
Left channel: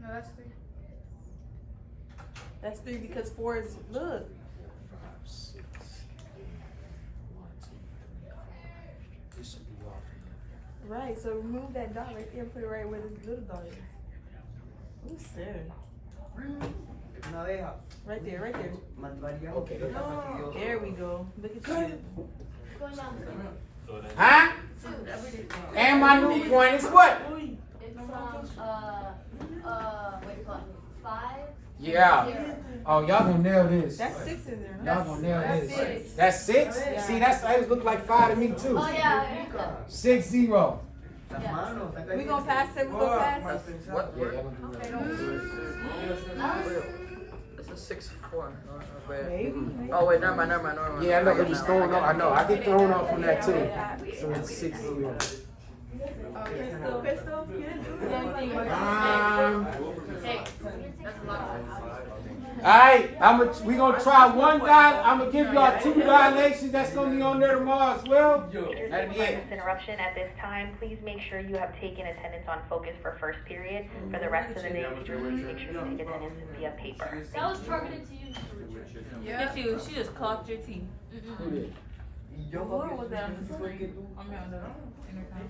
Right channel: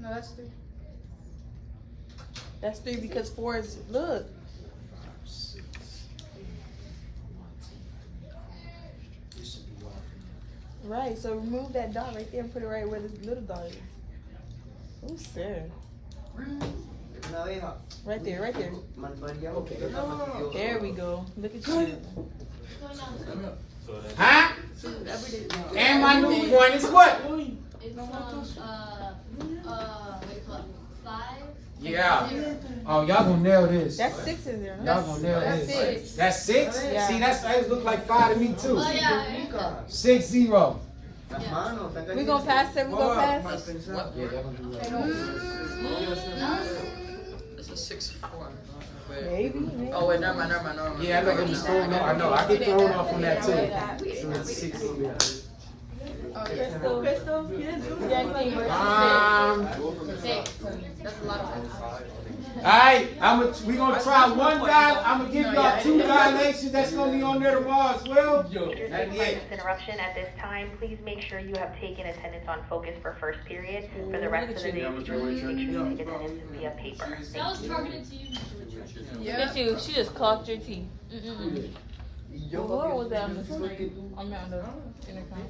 No, that's 3. That's 3 because 4 is, look. 5, 6, 8, 1, 2, 3, 4. This should be off in there. Right, so remove that dot right there and put it right where this little dot is. Oh, sir. Right there, right there. Okay, there we go. There we go. Look at you. Going down 2. Huh? 2. And my new point is what? It's what do you call it? 5. Yeah. 0. Oh, y'all gonna nail this. That's 6 in there. Y'all gonna nail That's this. 6. That's 6? Yeah. See, that's that look like 5 to me too. Oh, yeah. 6, 0. Yeah. We gonna pass it, we gonna pass it. What? Yeah, y'all gonna do that. That was This is 6, 4. Maybe. Oh wait, never mind. Yeah, I know it was thrown off. I know. I get thrown off on that too. So it's 6, 0. Alright, we gonna try one guy. I'm gonna give y'all 2 dilations. That's gonna be on there tomorrow as well. Excuse me for this interruption. At this time, please make sure you have taken attendance on focus for first period. For the rest of the day, teachers, please make sure you take attendance via paper. that was targeted to you. Look at you, she just clocked your teeth. What was that on the screen? I mean on the intercom.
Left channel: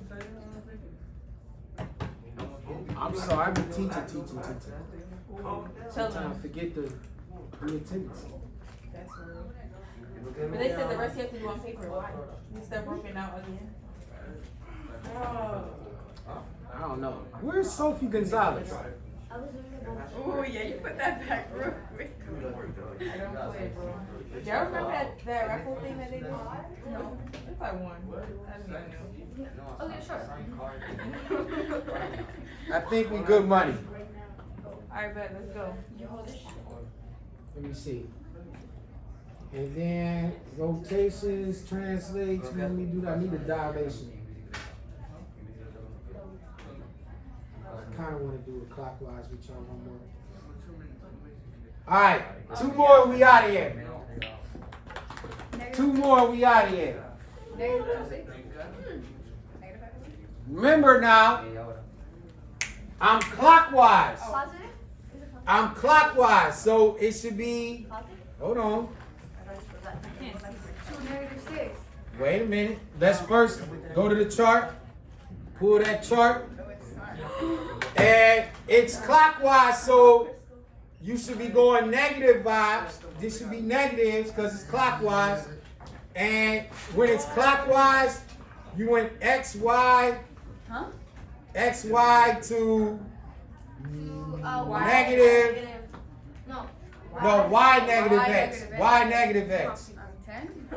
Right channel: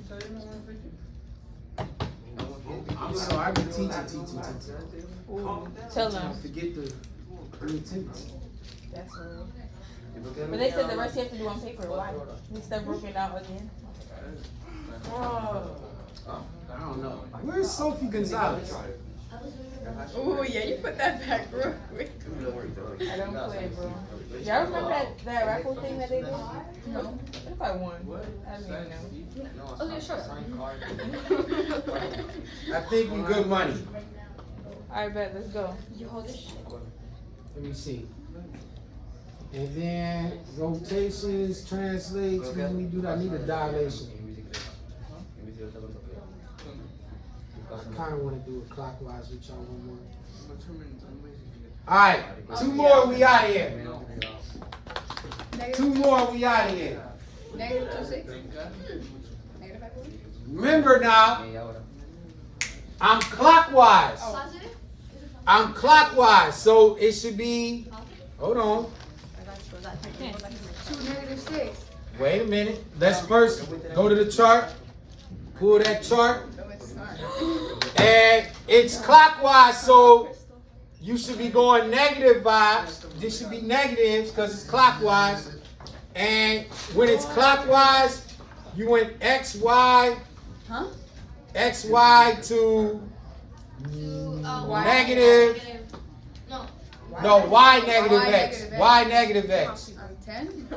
I'm sorry, I've been teaching. Tell I them. forget the attendance. But they said the rest you have to do on paper. Why? We stuff broken out again. I don't know. Where's Sophie Gonzalez? Oh yeah, you put that back real quick. I don't play, bro. Y'all remember that raffle thing that they did? No. What if I won? I don't even know. Okay, sure. I think we good money. Alright, bet, let's go. Let me see. And then rotations, translates. Let me do that. I need a dilation. I kind of want to do it clockwise with y'all one more. All right, 2 more. We out of here. 2 more. We out of here. Remember now, I'm clockwise. Positive? I'm clockwise, so it should be. Hold on. -6. Wait a minute. Let's first go to the chart. Pull that chart. And it's clockwise, so you should be going negative vibes. This should be negatives because it's clockwise. And when it's clockwise, you went X, Y to negative. No. No, Y negative X. Y negative X. 10?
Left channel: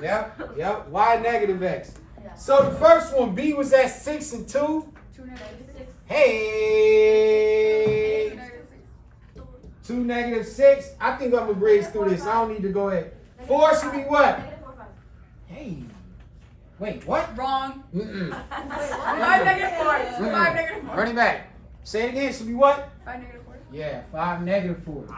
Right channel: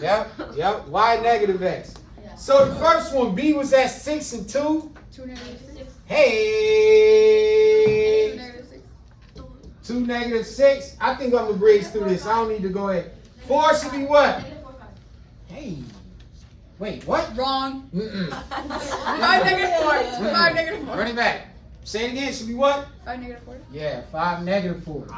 Yep. Y negative X. So the first one, B was at 6 and 2. 2 negative 6. Hey. 2 negative 6. 2 negative 6. I think I'm going to breeze through this. I don't need to go ahead. 4 should be what? Hey. Wait, what? Wrong. 5 negative 4. 5 negative 4. Run it back. Say it again. Should be what? 5 negative 4. Yeah, 5 negative 4.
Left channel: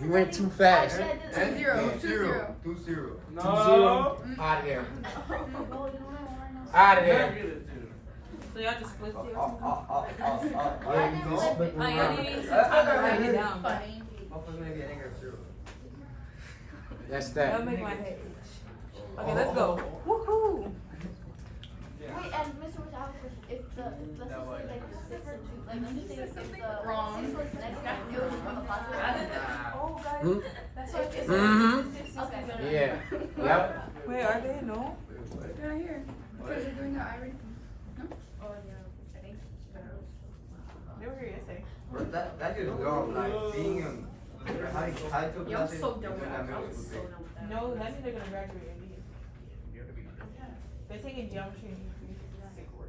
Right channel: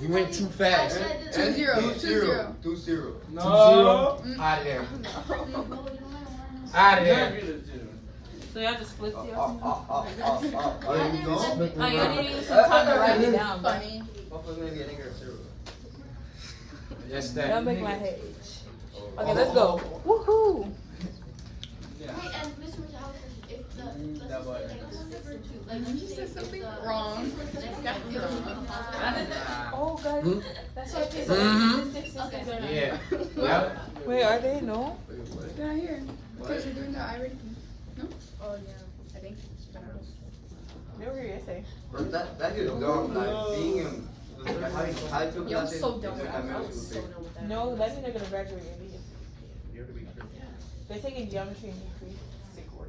You went too fast. 2 0. 2 0. 2 0. 2 0. Out of there. Out of there. So y'all just flipped it? Yeah, you just flip Oh, you around. need some time to write it down. Funny. That's That'll that. make my head itch. Okay, let's go. Woohoo! Wait, and Mr. Witch, I have a question. If the, let's just say, like, this is the first two, like, let's just say if the Wrong. this one's the next guy, the other one's on the positive. Oh, God. Hmm? That's what it is. Mhm. Okay. Yeah. Yep. Wait, are they? No? They're not here. Because you're doing the irony. No? Oh, yeah. I think. They were here yesterday. That is dumb. Like being like high school Yo, classes. so dumb. No, that means they're gonna graduate early. They're taking geometry and English. Sick work.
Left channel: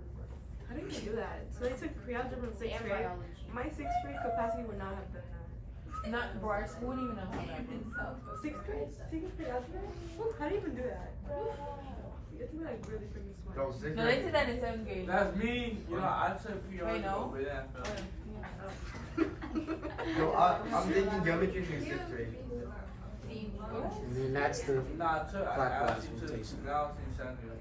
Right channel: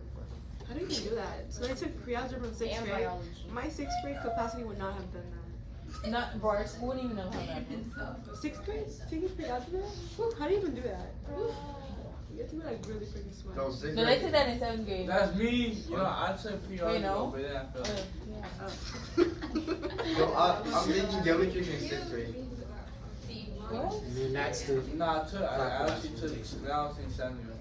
How do you do that? So I took pre-algebra from 6th grade. My 6th grade capacity would not have done that. Not bro, school wouldn't even know. 6th grade? Taking pre-algebra? How do you even do that? You have to be like really freaking smart. No, 6 No, they took that in 7th grade. That's me. You know, I took Wait, pre-algebra, no? but then I failed. Yo, I'm taking geometry in 6th grade. And then that's the. No, I actually took when I was in 7th grade.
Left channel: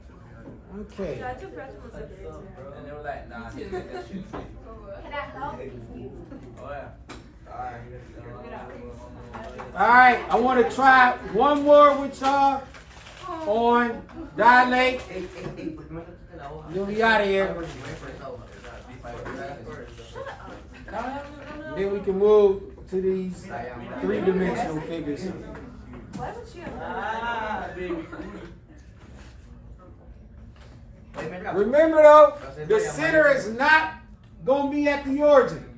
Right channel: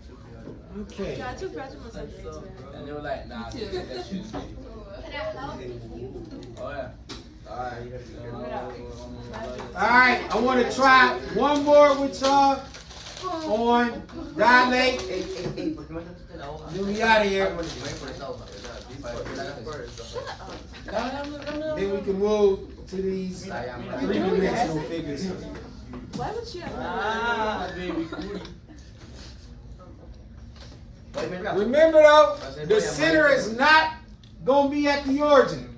Okay. Yeah, I took pre-algebra from 7th grade. So And they were like, nah, I took that shit. Can I help? Oh, yeah. Alright, I want to try one more with y'all on dilate. Then we out of here. Then we can move to these three-dimensional figures. why would you have Ah, baby. Remember though, the center is not going to be at the origin.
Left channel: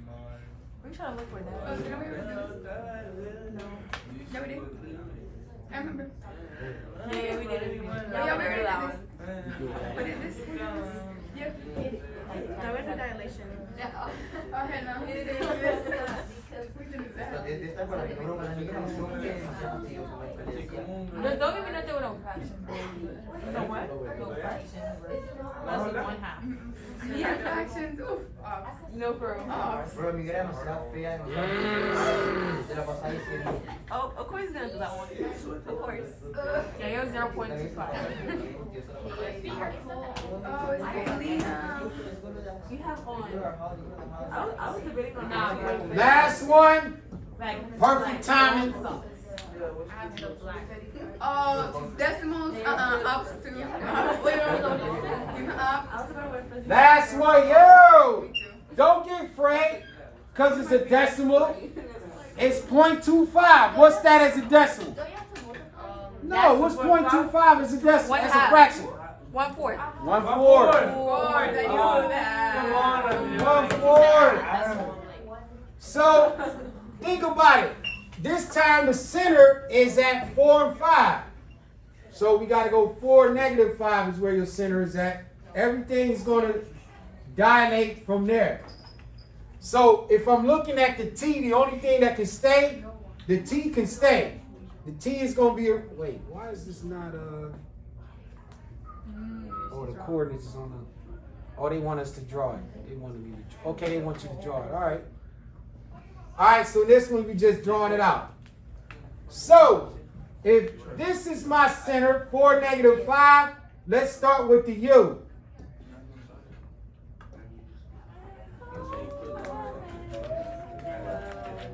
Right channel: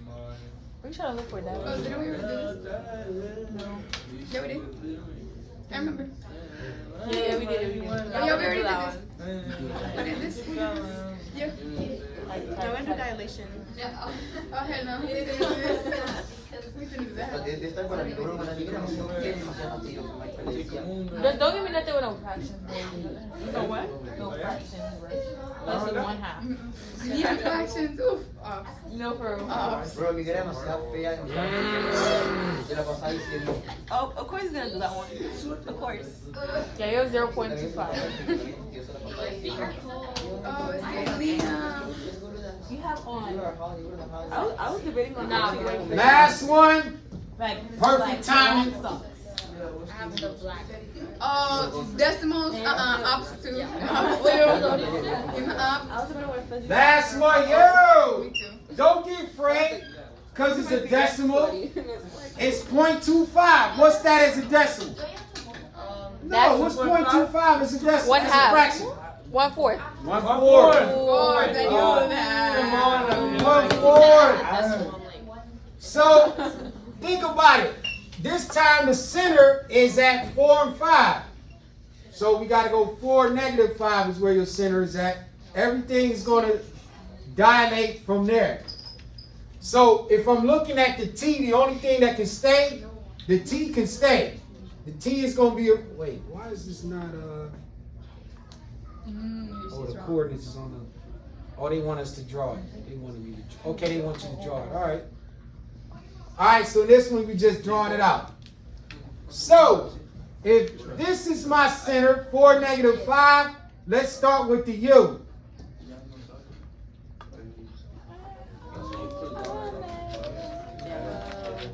We're trying to look for that. Oh, didn't we already do this? Yeah, we did. I remember. Yeah, we did it. Oh, yeah, we already did this. We did this. Yeah. Yeah, we did dilation. Oh, hell no. We didn't do this. We didn't do that. Don't give me nothing with no fraction. You know what? No fraction. Less than 1/2. Yeah, fractions. Oof. No, for real. Bro, mi grano está fea. Te la pasaba diciendo. Oh, of course he's gonna do that one. Of course. Yeah, you're 0.25. Oh, it's Lena. You have on. I was debating on that. Last one, Like, perfect timing. Decimals, ops to. Last one, yo! Don't get afraid, because it's a decimal. It's 0.25. What's that as a decimal? No, what's 0.25 as a decimal? It's a fraction. 1/4. 1/4. 1/4. So, think about it. This time the center is at 4 and 5. So we got to go 4, -5 is where your center is at. Everything is going to dilate from there. So if I'm looking at the T, the only thing that can stay, the T can stay. The T is going to be a, wait, why is this not oh, the coordinates is on the, oh, they want us to draw it. They want me to, okay, they want you to draw it. All right. All right, so this one we just drawing it out. So if this is my center, 4, -5, let's start with the U.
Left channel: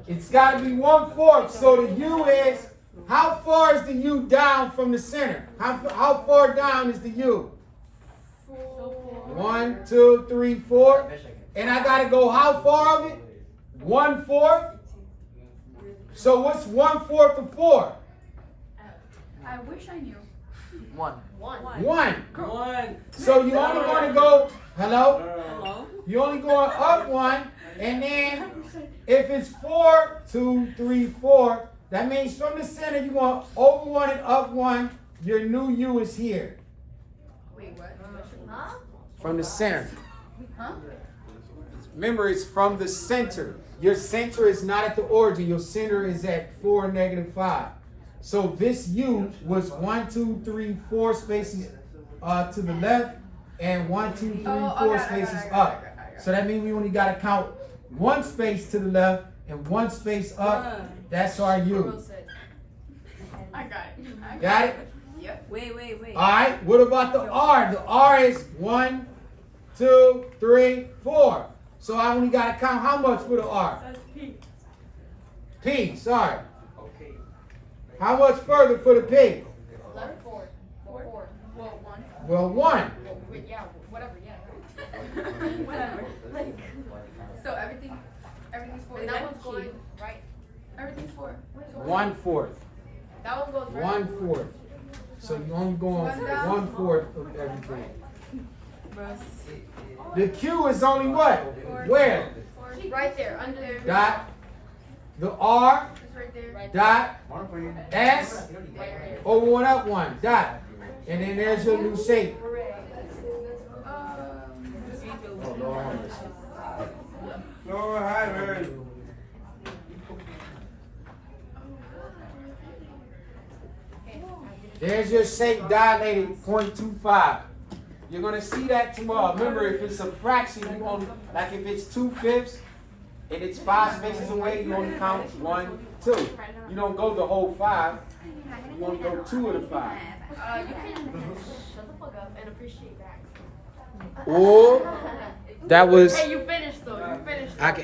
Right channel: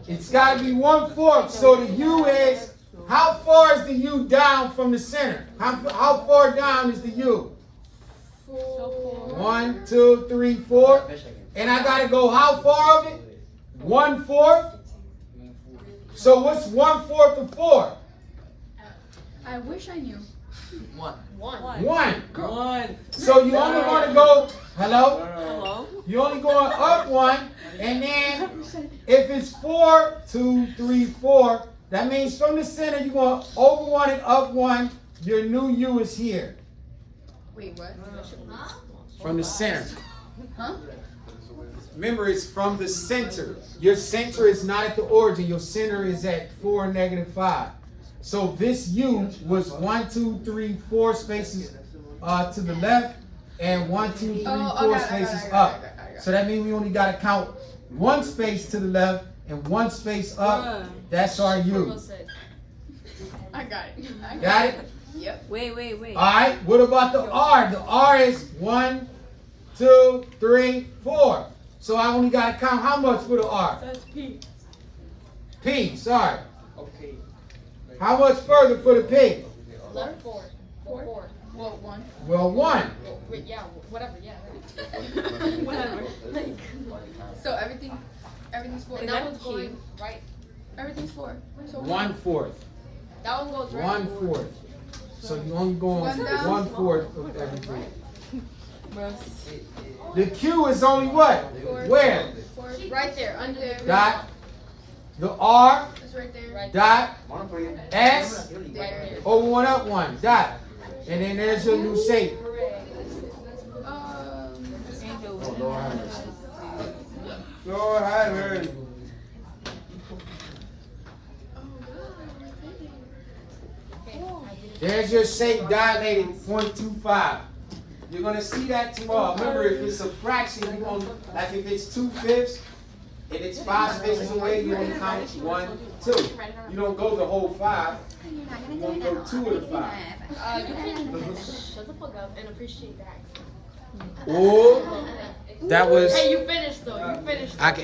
It's got to be 1/4. So the U is, how far is the U down from the center? How far down is the U? 1, 2, 3, 4. And I got to go how far of it? 1/4. So what's 1/4 of 4? I wish I knew. 1. 1. So you only want to go, hello? Hello? You only going up 1. And then if it's 4, 2, 3, 4, That means from the center, you want over 1 and up 1. Your new U is here. Wait, what? Huh? From the center. Huh? Remember, it's from the center. Your center is not at the origin. Your center is at 4, -5. So this U was 1, 2, 3, 4 spaces to the left, and 1, 2, 3, 4 spaces up. So that means we only got to count 1 space to the left and 1 space up. That's our U. I got it. Got it? Yep. Wait. All right. What about the R? The R is 1, 2, 3, 4. So I only got to count how much for the R? That's P. P. Sorry. Okay. How much further for the P? Left 4. 4. Well, 1. Well, 1. Wait, yeah, whatever, yeah. Whatever. Like, so everything's 4. Is That that one's Q? going, right? Everything's 4. So 1/4. that one goes right. 1/4. So you only going 1/4 of everything. The Q is only what? Where? Right there, under there. Dot. The R. It's right there. Right Dot. S. there. Over 1 up 1. Dot. And then there's your new shape. Oh, Lord have mercy. Lord, I heard. There's your shape dilated 0.25. You're going to see that tomorrow. Remember, if it's a fraction, you want, like if it's 2/5 and it's 5 spaces away, you only count 1, 2. You don't go the whole 5. You only go 2 of the 5. You can shut the fuck up and appreciate that. Or that was. Hey, you finished though. You finished. I can